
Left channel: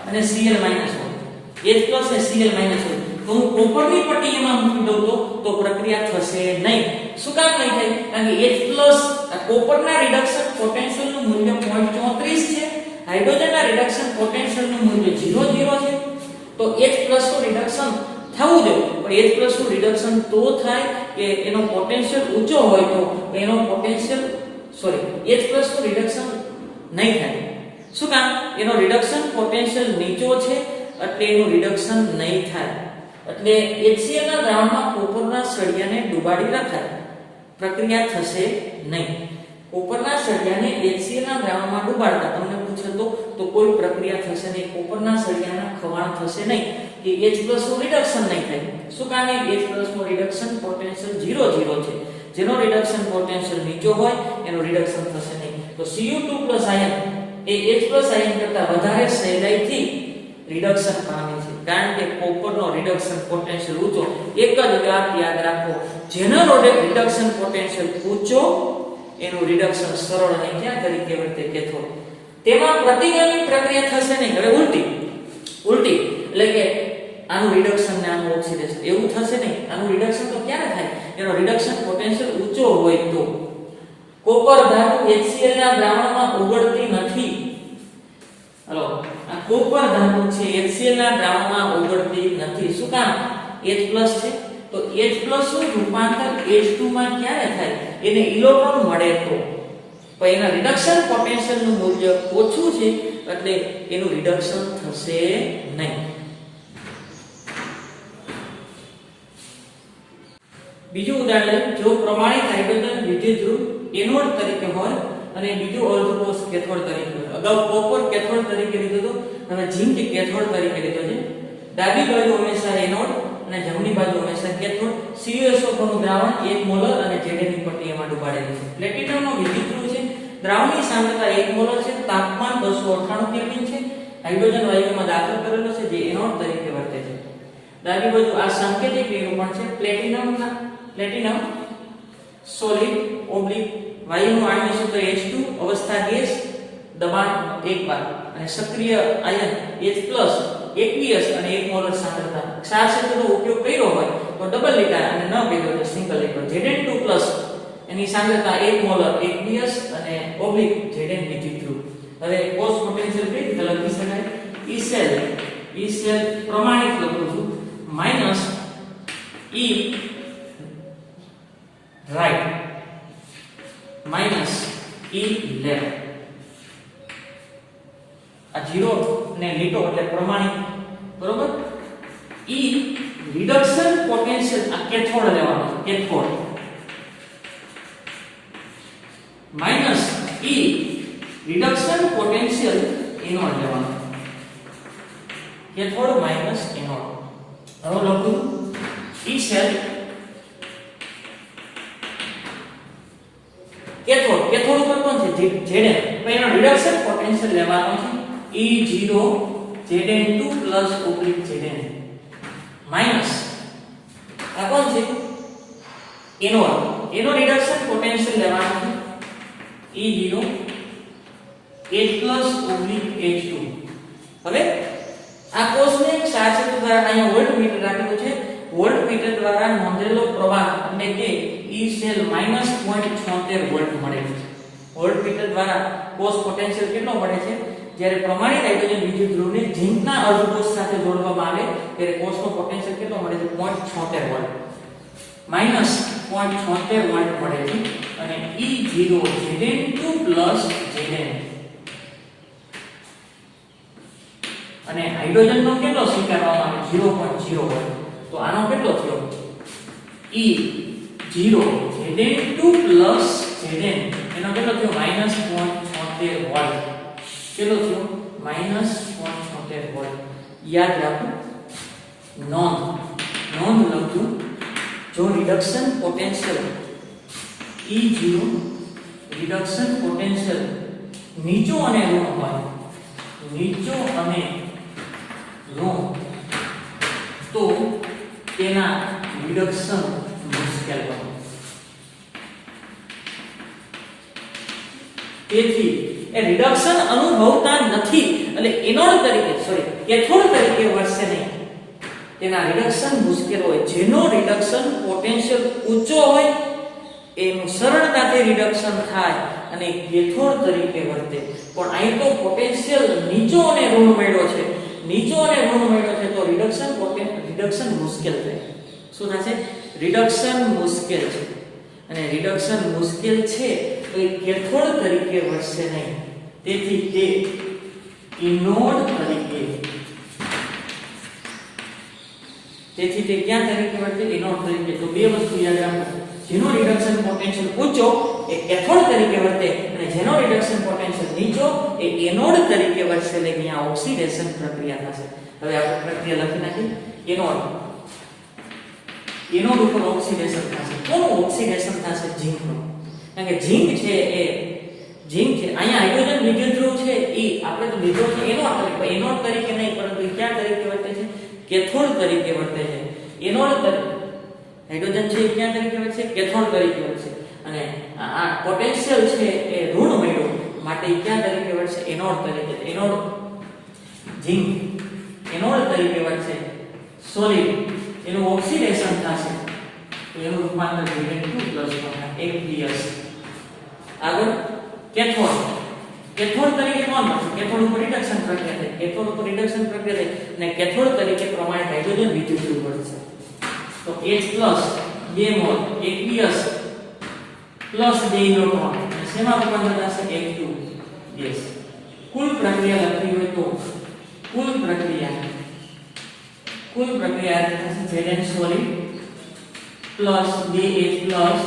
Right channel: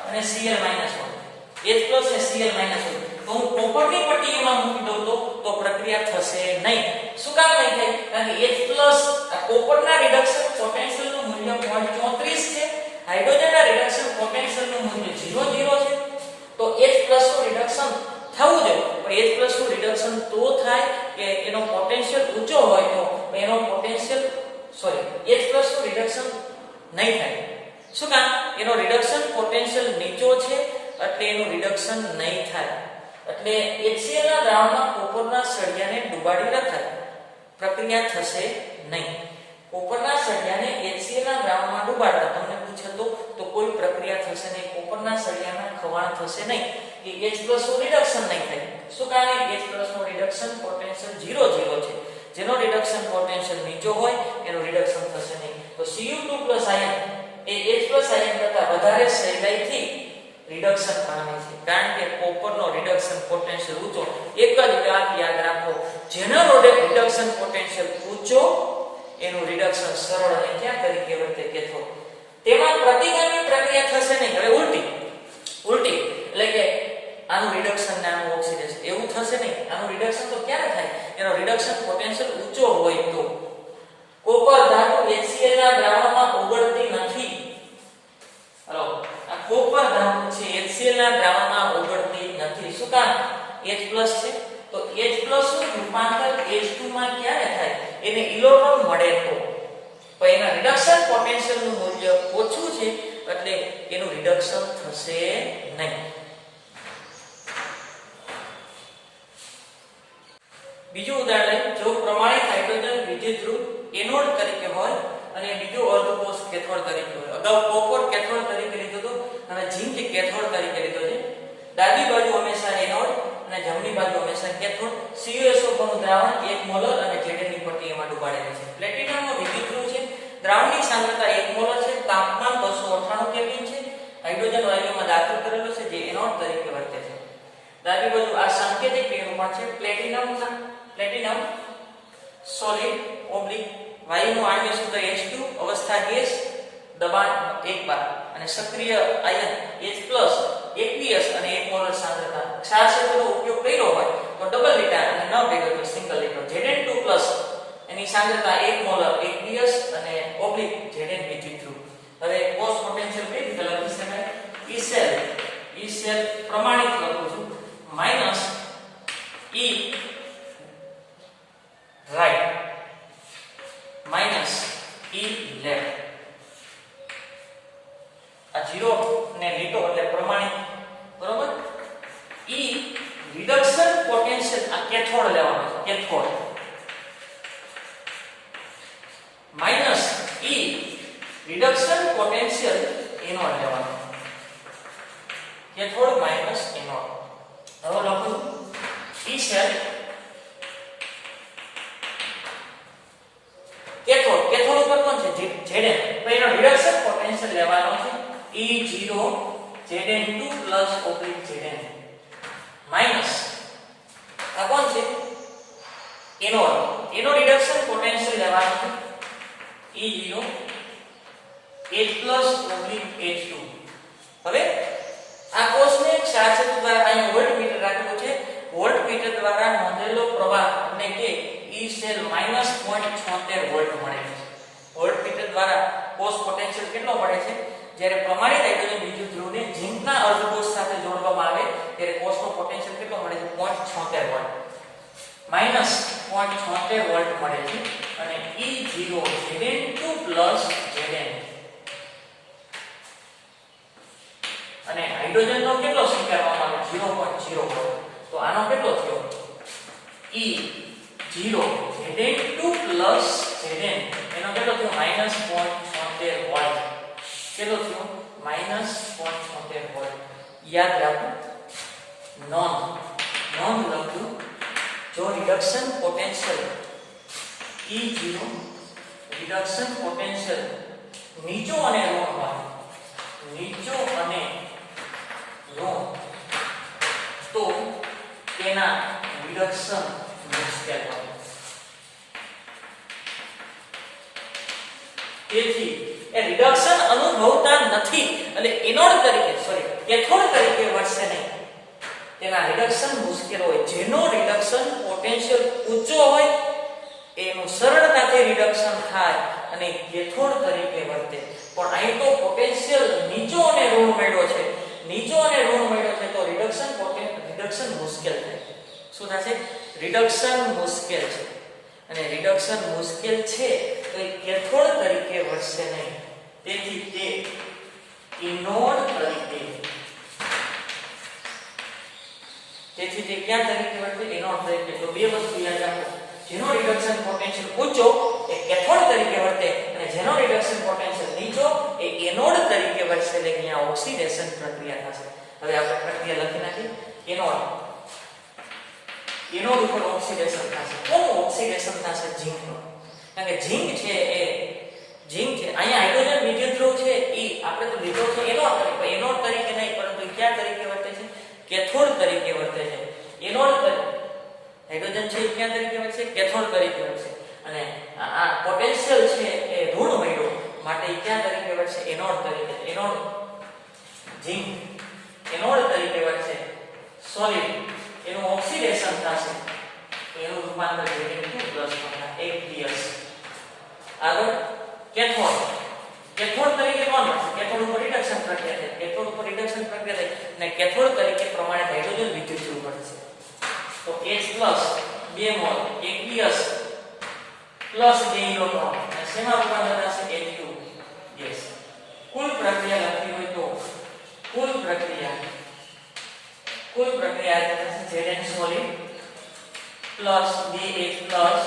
અને Cl- હોય. H+ અને Cl- હોય તો હું કોપરની પટ્ટીમાં મૂકી દઉં તો પ્રક્રિયા થશે નહીં. શું કામ નહીં થાય? કારણ કે H+ આ કોપરના રિડક્શન પોટેન્શિયલનું મૂલ્ય 0.34 છે. હાઇડ્રોજનના રિડક્શન પોટેન્શિયલનું મૂલ્ય 0 છે. તો H+ નું રિડક્શન થવું જોઈએ. પણ H+ નું રિડક્શન તો થાય કે એનો પોટેન્શિયલ ઊંચો હોય તો એનો પોટેન્શિયલ H+ નું રિડક્શન નહીં થાય. શું કામ? એનો રિડક્શન પોટેન્શિયલ નીચો છે એટલે એનું રિડક્શન નહીં થાય. એટલે HCl ના દ્રાવણમાં કોપરના સળિયાને ડુબાડી રખાય. પ્રક્રિયા થશે નહીં. કોપરના સળિયાને HCl ના દ્રાવણમાં ડુબાડતા તમને પૂછે તો કોઈ પ્રક્રિયા થશે નહીં. કોપરના સળિયાના ખવાણ થશે નહીં કે H+ નું રિડક્શન નહીં થાય. શું કારણે? H+ નું રિડક્શન પોટેન્શિયલ 0 છે. જેનો રિડક્શન પોટેન્શિયલ નીચો હોય એનું રિડક્શન થશે નહીં. તો Cu2+ આયન એ H+ આયન કરતા વધારે સહેલાઈથી રિડક્શન પામે છે કારણ કે કોપરનો રિડક્શન પોટેન્શિયલ ઊંચો. એક જ વાત યાદ રાખો જેનો રિડક્શન પોટેન્શિયલ ઊંચો એનું રિડક્શન સરળ અને ક્યાં તરીકે વર્તે? કેથોડ. તેમાં પ્રતિગામી પ્રક્રિયા થશે નહીં. હવે ઉલટી એટલે કે આનું રિડક્શન ને આનું ઓક્સિડેશન એવું થશે નહીં. આનું રિડક્શન તો ક્યારે થાય? એનો રિડક્શન પોટેન્શિયલ ઊંચો હોય તો કોપર ધાતુ HCl ના દ્રાવણમાં ઓગળતી નથી. હલો, આ કોપર ધાતુ છે HCl ના દ્રાવણમાં ઓગળતી નથી. શું કામ? H+ છે તો H+ નું રૂપાંતર H2 માં ક્યારે થાય? એને ઇલેક્ટ્રોન મળે તો. પણ એના રિડક્શન પોટેન્શિયલ નું મૂલ્ય ઓછું છે એટલે એનું રિડક્શન થશે નહીં. બીજું ઉદાહરણ જો પ્રમાણિત હાઇડ્રોજન વિદ્યુત ધ્રુવ એનોડ તરીકે હોય અને બીજો અર્ધકોષ કેથોડ તરીકે હોય. અગાઉ કોપર કેથોડ તરીકે લીધો હતો અને ઝિંક કેથોડ તરીકે લીધો છે. ડાબી બાજુ હંમેશા એનોડ અને જમણી બાજુ હંમેશા કેથોડ. CuSO4 નું દ્રાવણ 1 મોલર અને Zn ની પટ્ટી એમાં ડૂબાડેલી છે. પ્લેટિનમનો વિદ્યુત ધ્રુવ છે. દ્રાવણની સાંદ્રતા 1 મોલર છે. તાપમાન 298 કેલ્વિન છે. હાઇડ્રોજન વાયુમાં દાખલ કરેલો છે જે એનોડ તરીકે વર્તે છે. ડાબી બાજુ આ સાંકેતિક નિરૂપણ છે. પ્લેટિનમ સોલિડ ઓબ્લિક વાયુનું આણ્વિક સૂત્ર H2 અવસ્થા ગેસ દબાણ 1 બાર અને સક્રિય આયન H+ aqueous અને 1 મોલર સાંદ્રતા. ક્ષાર ક્ષેત્રનો ઉપયોગ કર્યો હોય તો ડબલ લીટર અને ન કર્યો તો સિંગલ લીટર. Zn2+ એની સાંદ્રતા 1 મોલર aqueous અને ઓબ્લિક Zn વિદ્યુત ધ્રુવ. હવે કોષ પોટેન્શિયલ કઈ રીતે લખી શકાય? E સેલ પ્રમાણિત લખું છું minus E right minus E left. આ 0 ને લીટો એટલે પ્રમાણિત, બરોબર. E રિડક્શન પોટેન્શિયલ આ કેથોડ લેવાનો છે, cathode minus E reduction potential anode લેવાનો. Cathode minus anode. હવે લખું E સેલ કેથોડ ઉપર કોણ છે? Zn. તો એનો રિડક્શન પોટેન્શિયલ લેવાનો છે E0 Zn2 + Zn માઈનસ આ કોણ છે? એનોડ. એનો રિડક્શન પોટેન્શિયલ લેવાનો છે E0 H+ H2. હવે આ કોષને એક ક્ષારક્ષેત્ર દ્વારા અહીંયા વોલ્ટમીટર રાખેલું છે. વોલ્ટમીટર દ્વારા નોંધેલો પ્રવાહ એટલે કે E સેલ -0.76 વોલ્ટ મળે છે. વોલ્ટમીટર દ્વારા કોષ પોટેન્શિયલ કેટલો મળે છે? જ્યારે પ્રમાણિત હાઇડ્રોજન વિદ્યુત ધ્રુવને ઝિંકના અર્ધકોષ સાથે જોડવામાં આવે ત્યારે કોષનો પોટેન્શિયલ કેટલો મળે છે? 0.76 વોલ્ટ. -0.76 વોલ્ટ મળે છે અને E0 Zn2 + Zn અને હાઇડ્રોજનનો કેટલો સ્વીકારવામાં આવે? 0.0 વોલ્ટ. તો આનો કેટલો થયો? E0 Zn2 + Zn એનો કેટલો થયો? -0.76 વોલ્ટ. કેટલો થયો? -0.76 વોલ્ટ. યાદ રાખો, નોંધ લખજો. જો reduction potential E0 reduction potential નીચો અને ઋણ હોય, નીચો અને ઋણ, તો તેના રિડક્શન મુશ્કેલ બને. તેથી એ રિડક્શન અનુભવતા નથી એટલે એનોડ તરીકે કેથોડ તરીકે વર્તે નહીં. તેના રિડક્શન મુશ્કેલ હોય. જેનો રિડક્શન પોટેન્શિયલ ઊંચો હોય એનું સરળતાથી રિડક્શન થાય અને કેથોડ તરીકે વર્તે. પણ અહીં તો પોટેન્શિયલ નીચો અને ઋણ મળ્યો છે, તો રિડક્શન મુશ્કેલ થાય. શું થશે? રિડક્શન મુશ્કેલ છે અને રિડક્શન મુશ્કેલ છે તો એ કેથોડ તરીકે વર્તે નહીં. તેથી તે એનોડ તરીકે, તેથી તે ક્યાં તરીકે વર્તે? એનોડ તરીકે. તો બે વસ્તુ યાદ રાખો. જેનો રિડક્શન પોટેન્શિયલ ઊંચો એ કેથોડ તરીકે વર્તે અને જેનો રિડક્શન પોટેન્શિયલ નીચો એ એનોડ તરીકે વર્તે. એટલે અહીંયા ઓક્સિડેશન પ્રક્રિયા થશે. હવે આપણે પ્રક્રિયા લખી નાખી. એનોડ ઉપર ઓક્સિડેશન થશે. કોનું ઓક્સિડેશન થશે? ઝિંકનું. કારણ કે ઝિંક છે અહીંયા હાઇડ્રોજન વિદ્યુત ધ્રુવ છે એ આપણે તો લીધો છે એનોડ તરીકે નહીં, પરંતુ ક્યાં તરીકે વર્તે છે? કેથોડ તરીકે વર્તે છે. એનોડ હાઇડ્રોજન છે એ ક્યાં તરીકે વર્તે છે? કેથોડ તરીકે વર્તે. અને આ પોટેન્શિયલ છે એ ઋણ મળ્યો માટે ક્યાં તરીકે વર્તે? એનોડ તરીકે. એનોડ ઝિંક એનોડ તરીકે વર્તે. સોલિડ એનું ઓક્સિડેશન થશે તો એનું રૂપાંતર Zn2 + aqueous આગળ કેથોડ. કેથોડ તરીકે કોણ બનશે? કેથોડ ઉપર રિડક્શન પ્રક્રિયા થાય. કેથોડ ઉપર રિડક્શન પ્રક્રિયા થાય અને કેથોડ તરીકે પ્રમાણિત હાઇડ્રોજન વિદ્યુત ધ્રુવ બનશે. તો H+ 2 mall aqueous plus 2 electron અને શેમાં રૂપાંતર થશે? H2 gas. કુલ પ્રક્રિયા લખવી હોય તો કુલ પ્રક્રિયા થશે Zn solid plus 2H plus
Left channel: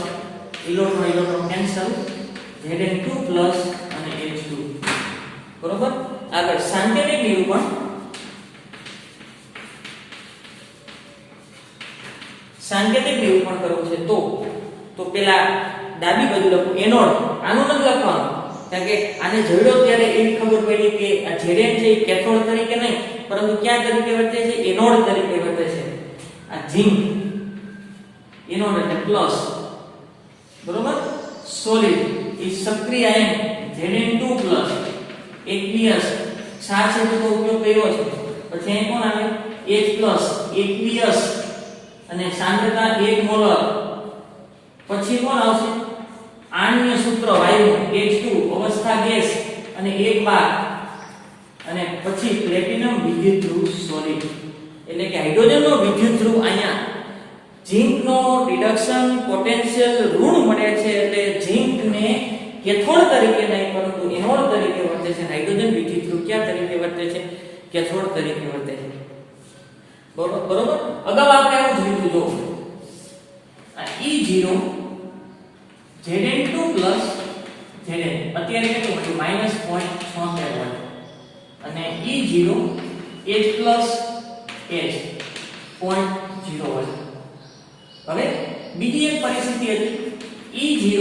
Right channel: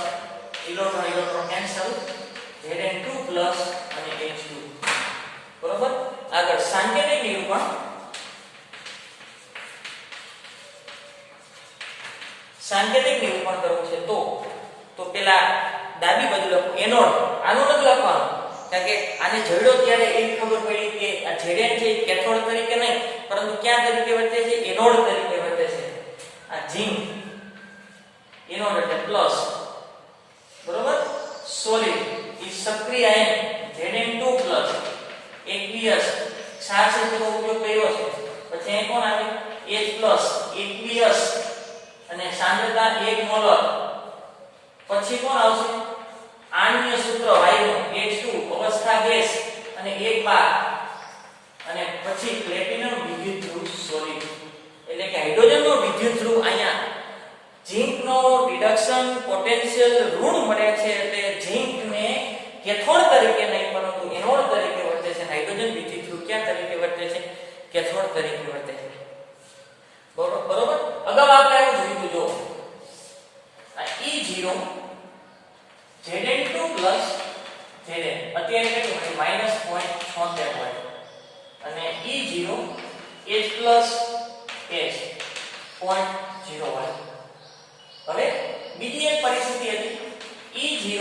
electron cancel Zn2 plus અને H2. બરોબર. આગળ સાંકેતિક નિરૂપણ. સાંકેતિક નિરૂપણ કરવું છે તો પેલા ડાબી બાજુ લખો એનોડ. આનું નથી લખવાનું કારણ કે આને જોડ્યો ત્યારે એ ખબર પડી કે આ Zn છે કેથોડ તરીકે નહીં પરંતુ ક્યાં તરીકે વર્તે છે? એનોડ તરીકે વર્તે છે. આ ઝિંક એનોડ એટલે પ્લસ. બરોબર. સોલિડ ઈ સક્રિય આયન Zn2 પ્લસ aqueous ક્ષાર શબ્દનો ઉપયોગ કર્યો છે. પછી અહીં કોણ આવે? H પ્લસ aqueous અને સાંદ્રતા 1 મોલર. પછી કોણ આવશે? આણ્વીય સૂત્ર વાયુ H2 અવસ્થા ગેસ અને 1 બાર અને પછી પ્લેટિનમ વિદ્યુત ધ્રુવ સોલિડ. એટલે કે હાઇડ્રોજનનો વિદ્યુત ધ્રુવ અહીંયા ઝિંકનો રિડક્શન પોટેન્શિયલ ઋણ મળે છે એટલે ઝિંકને કેથોડ તરીકે નહીં પરંતુ એનોડ તરીકે વર્તે છે. હાઇડ્રોજન વિદ્યુત ધ્રુવ ક્યાં તરીકે વર્તે છે? કેથોડ તરીકે વર્તે છે. બરોબર. અગાઉ આપણે આવું જોયું જો આ E0 Zn2 પ્લસ Zn અત્યારે કેટલું મળ્યું? -0.76 વોલ્ટ અને E0 H plus H 0.0 volt. હવે બીજી એક પરિસ્થિતિ હતી E0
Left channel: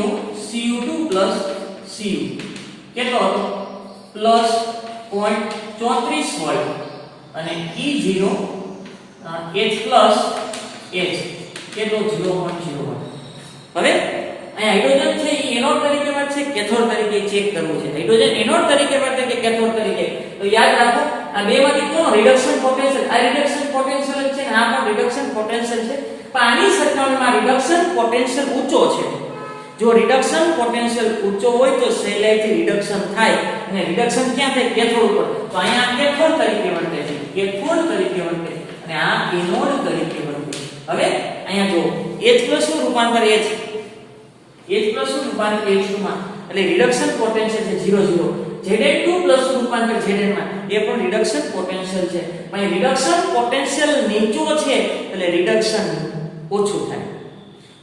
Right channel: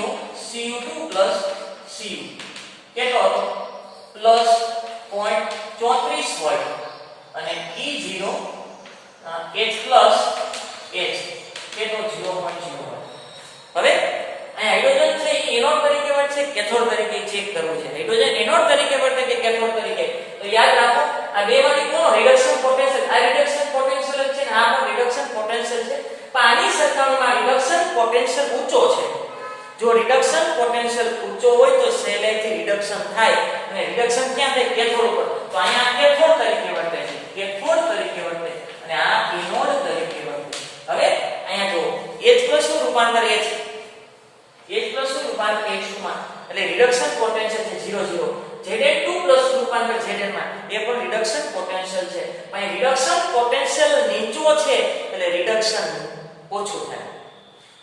Cu2 પ્લસ Cu કેટલો હતો? +0.34 વોલ્ટ અને E0 H પ્લસ H કેટલો? 0.0 વોલ્ટ. હવે હાઇડ્રોજન છે એ એનોડ તરીકે વર્તે છે કેથોડ તરીકે ચેક કરવું છે. હાઇડ્રોજન એનોડ તરીકે વર્તે કે કેથોડ તરીકે? તો યાદ રાખો આ બેમાંથી કોનો રિડક્શન પોટેન્શિયલ? આ રિડક્શન પોટેન્શિયલ છે ને આ પણ રિડક્શન પોટેન્શિયલ છે. પણ આની સરખામણીમાં રિડક્શન પોટેન્શિયલ ઊંચો છે. જો રિડક્શન પોટેન્શિયલ ઊંચો હોય તો સહેલાઈથી રિડક્શન થાય અને રિડક્શન ક્યાં થાય? કેથોડ ઉપર. તો અહીંયા કેથોડ તરીકે વર્તે છે. કેથોડ તરીકે વર્તે અને આ એનોડ તરીકે વર્તે. હવે અહીંયા જો H+ નું રૂપાંતર H+ નું રૂપાંતર H2 માં એટલે રિડક્શન પોટેન્શિયલ છે 0 Zn2 પ્લસ રૂપાંતર Zn માં એ પણ રિડક્શન પોટેન્શિયલ છે. પણ રિડક્શન પોટેન્શિયલ નીચો છે એટલે રિડક્શન ઓછું થાય.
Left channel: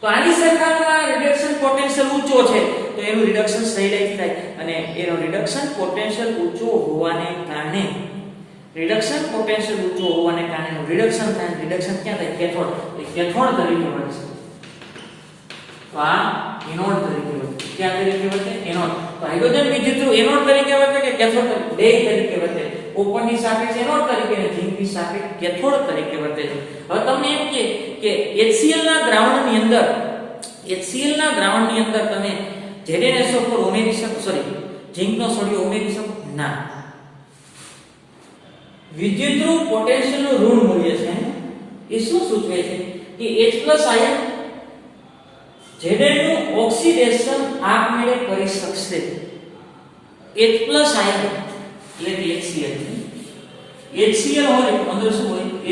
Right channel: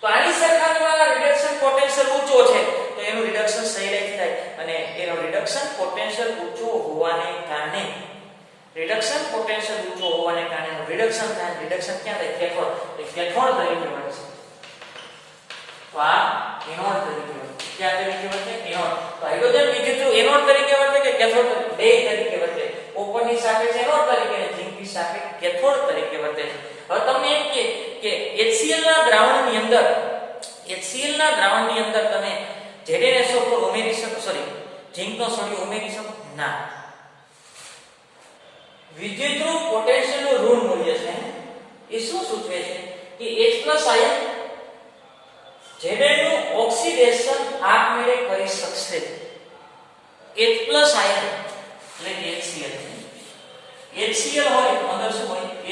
તો આની સરખામણીમાં રિડક્શન પોટેન્શિયલ ઊંચો છે તો એનું રિડક્શન સહેલાઈથી થાય અને એનો રિડક્શન પોટેન્શિયલ ઊંચો હોવાને કારણે રિડક્શન પોટેન્શિયલ ઊંચો હોવાને કારણે એનું રિડક્શન થાય. રિડક્શન ક્યાં થાય? કેથોડ. તો કેથોડ તરીકે વર્તે. તો આ એનોડ તરીકે વર્તે. ક્યાં તરીકે વર્તે? એનોડ. તો હાઇડ્રોજન વિદ્યુત ધ્રુવ એનોડ તરીકે વર્તે કે કેથોડ તરીકે? બે તરીકે વર્તે. કોપરની સાપેક્ષે એનોડ તરીકે અને ઝિંકની સાપેક્ષે કેથોડ તરીકે વર્તે છે. હવે તમને એમ કે HCl ના દ્રાવણની અંદર તમે ZnSO4 ઉમેરી શકો? ઝિંકનો સોડિયમ ઉમેરી શકો? ના. વિદ્યુત ધ્રુવ પોટેન્શિયલનું ઋણ મૂલ્ય છે એ શું સૂચવે છે કે H+ આયન Zn નું ઓક્સિડેશન આપમેળે કરી શકશે. H+ આયન એટલે કે HCl HCl હોય અંદર શું હોય? H+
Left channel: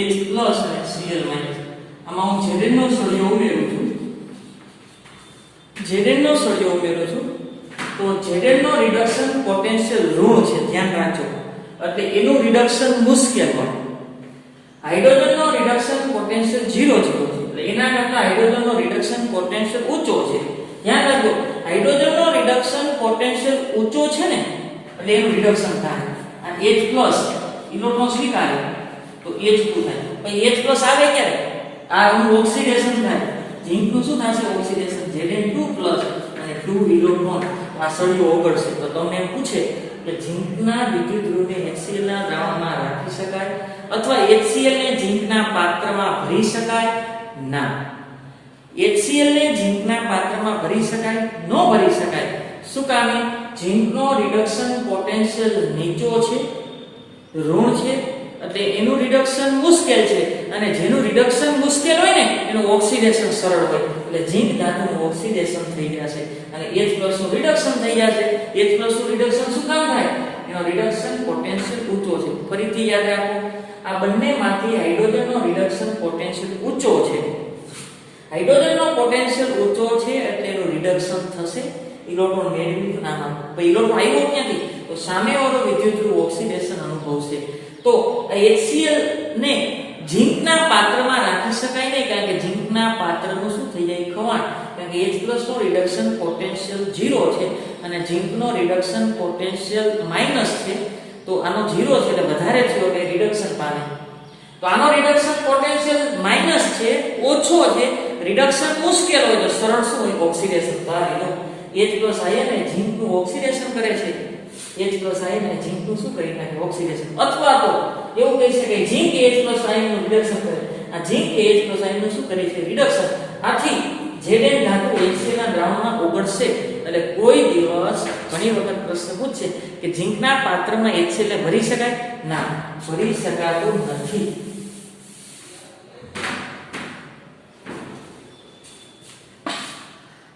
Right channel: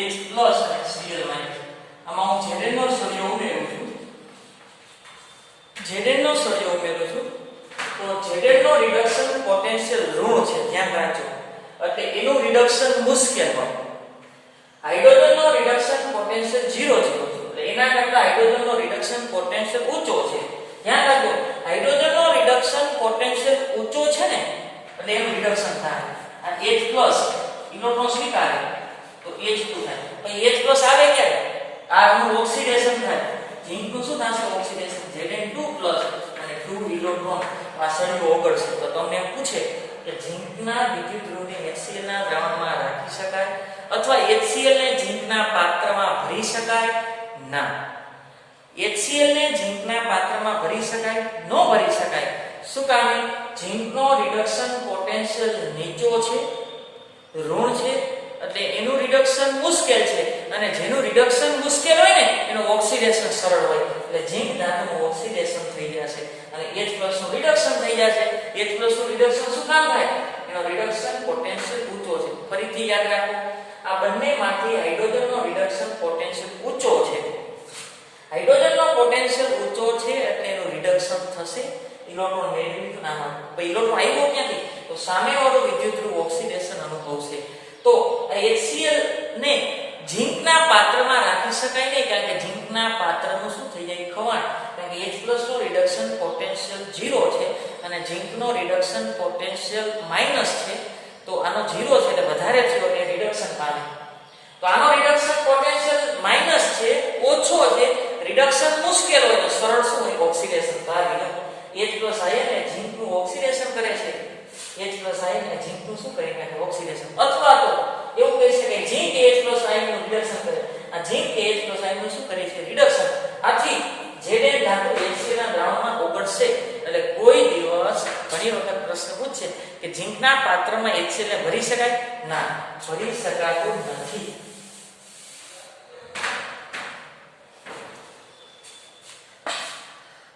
અને Cl-. આમાં હું Zn નો સોડિયમ ઉમેરું છું તો Zn નો રિડક્શન પોટેન્શિયલ ઋણ છે. ધ્યાન રાખજો. એટલે એનું રિડક્શન મુશ્કેલ હોય. હાઇડ્રોજનનો રિડક્શન પોટેન્શિયલ 0 છે એટલે એના કરતા હાઇડ્રોજનનો રિડક્શન પોટેન્શિયલ ઊંચો છે. ધ્યાન રાખજો હાઇડ્રોજનનો રિડક્શન પોટેન્શિયલ ઊંચો છે ને એટલે એનું રિડક્શન થાય. આ H+ ઇલેક્ટ્રોન સ્વીકારે તો H2 થાય. પછી H+ આવે ક્યારે? આ એનું ઓક્સિડેશન થાય. ઝિંકનું શું થશે? ઓક્સિડેશન Zn2 અને 2 ઇલેક્ટ્રોન આ સળિયો ઓગળશે. તો તમને એમ પૂછે કે ઝિંકના વિદ્યુત ધ્રુવને HCl ના દ્રાવણમાં રાખી શકાય અથવા HCl ને ઝિંકના પાત્રમાં ભરી શકાય? ના. HCl ને ઝિંકના પાત્રમાં ભરી શકાય? ન ભરી શકાય. શું કારણે? ઝિંકનો રિડક્શન પોટેન્શિયલ નીચો છે, ઋણ છે એટલે એનું રિડક્શન મુશ્કેલ છે અને જેનું રિડક્શન મુશ્કેલ હોય ને એનું ઓક્સિડેશન સરળ હોય એટલે ઝીંક ધાતુનું ઓક્સિડેશન થઈ જશે અને H+ નું રિડક્શન થઈ જશે. H+ નું રિડક્શન શું કામ થાય? એનો રિડક્શન પોટેન્શિયલ ઊંચો છે. ફરીથી યાદ રાખો, આ બંનેમાંથી હાઇડ્રોજનનો રિડક્શન પોટેન્શિયલ ઊંચો છે. હાઇડ્રોજનનો પોટેન્શિયલ ઊંચો છે એટલે એનું રિડક્શન થશે. ઇલેક્ટ્રોન મેળવી આમાં ઇલેક્ટ્રોન આવ્યો ક્યાંથી? તો સામેવાળો વિદ્યુતધ્રુવ ઓક્સિડેશન અનુભવશે. તો આ HCl ને ઝીંકના પાત્રમાં રાખી શકાય નહીં કારણ કે ઝીંકના પાત્રનું શું થઈ જાય? ખવાણ. કારણ કે H+ નો રિડક્શન પોટેન્શિયલ 0 છે અને ઝીંકનો રિડક્શન પોટેન્શિયલ માઈનસ છે. તો આનો 0 છે એટલે વધારે છે એટલે રિડક્શન પામે. તો આનો રિડક્શન પોટેન્શિયલ માઈનસ છે, ઓછો છે. રિડક્શન મુશ્કેલ હોય તો સરળ શું હોય? ઓક્સિડેશન. તો આ લીધો H+ આયન એ ઝીંકનું ઓક્સિડેશન કરે છે. H+ આયન એ ઝીંકનું શું કરી નાખે? ઓક્સિડેશન. અથવા તો એવું કહી શકાય ઝીંક H+ આયનનું રિડક્શન કરે. આ ઝીંક H+ આયનનું શું કરે છે? રિડક્શન. આથી Zn ધાતુ HCl ના દ્રાવણમાં ઓગળશે. એટલે કોઈ દિવસ ઘણી વખત પ્રશ્ન પૂછશે કે ઝીંકના પાત્રમાં HCl ને ભરી શકાય? ના, ભરી શકાતું નથી.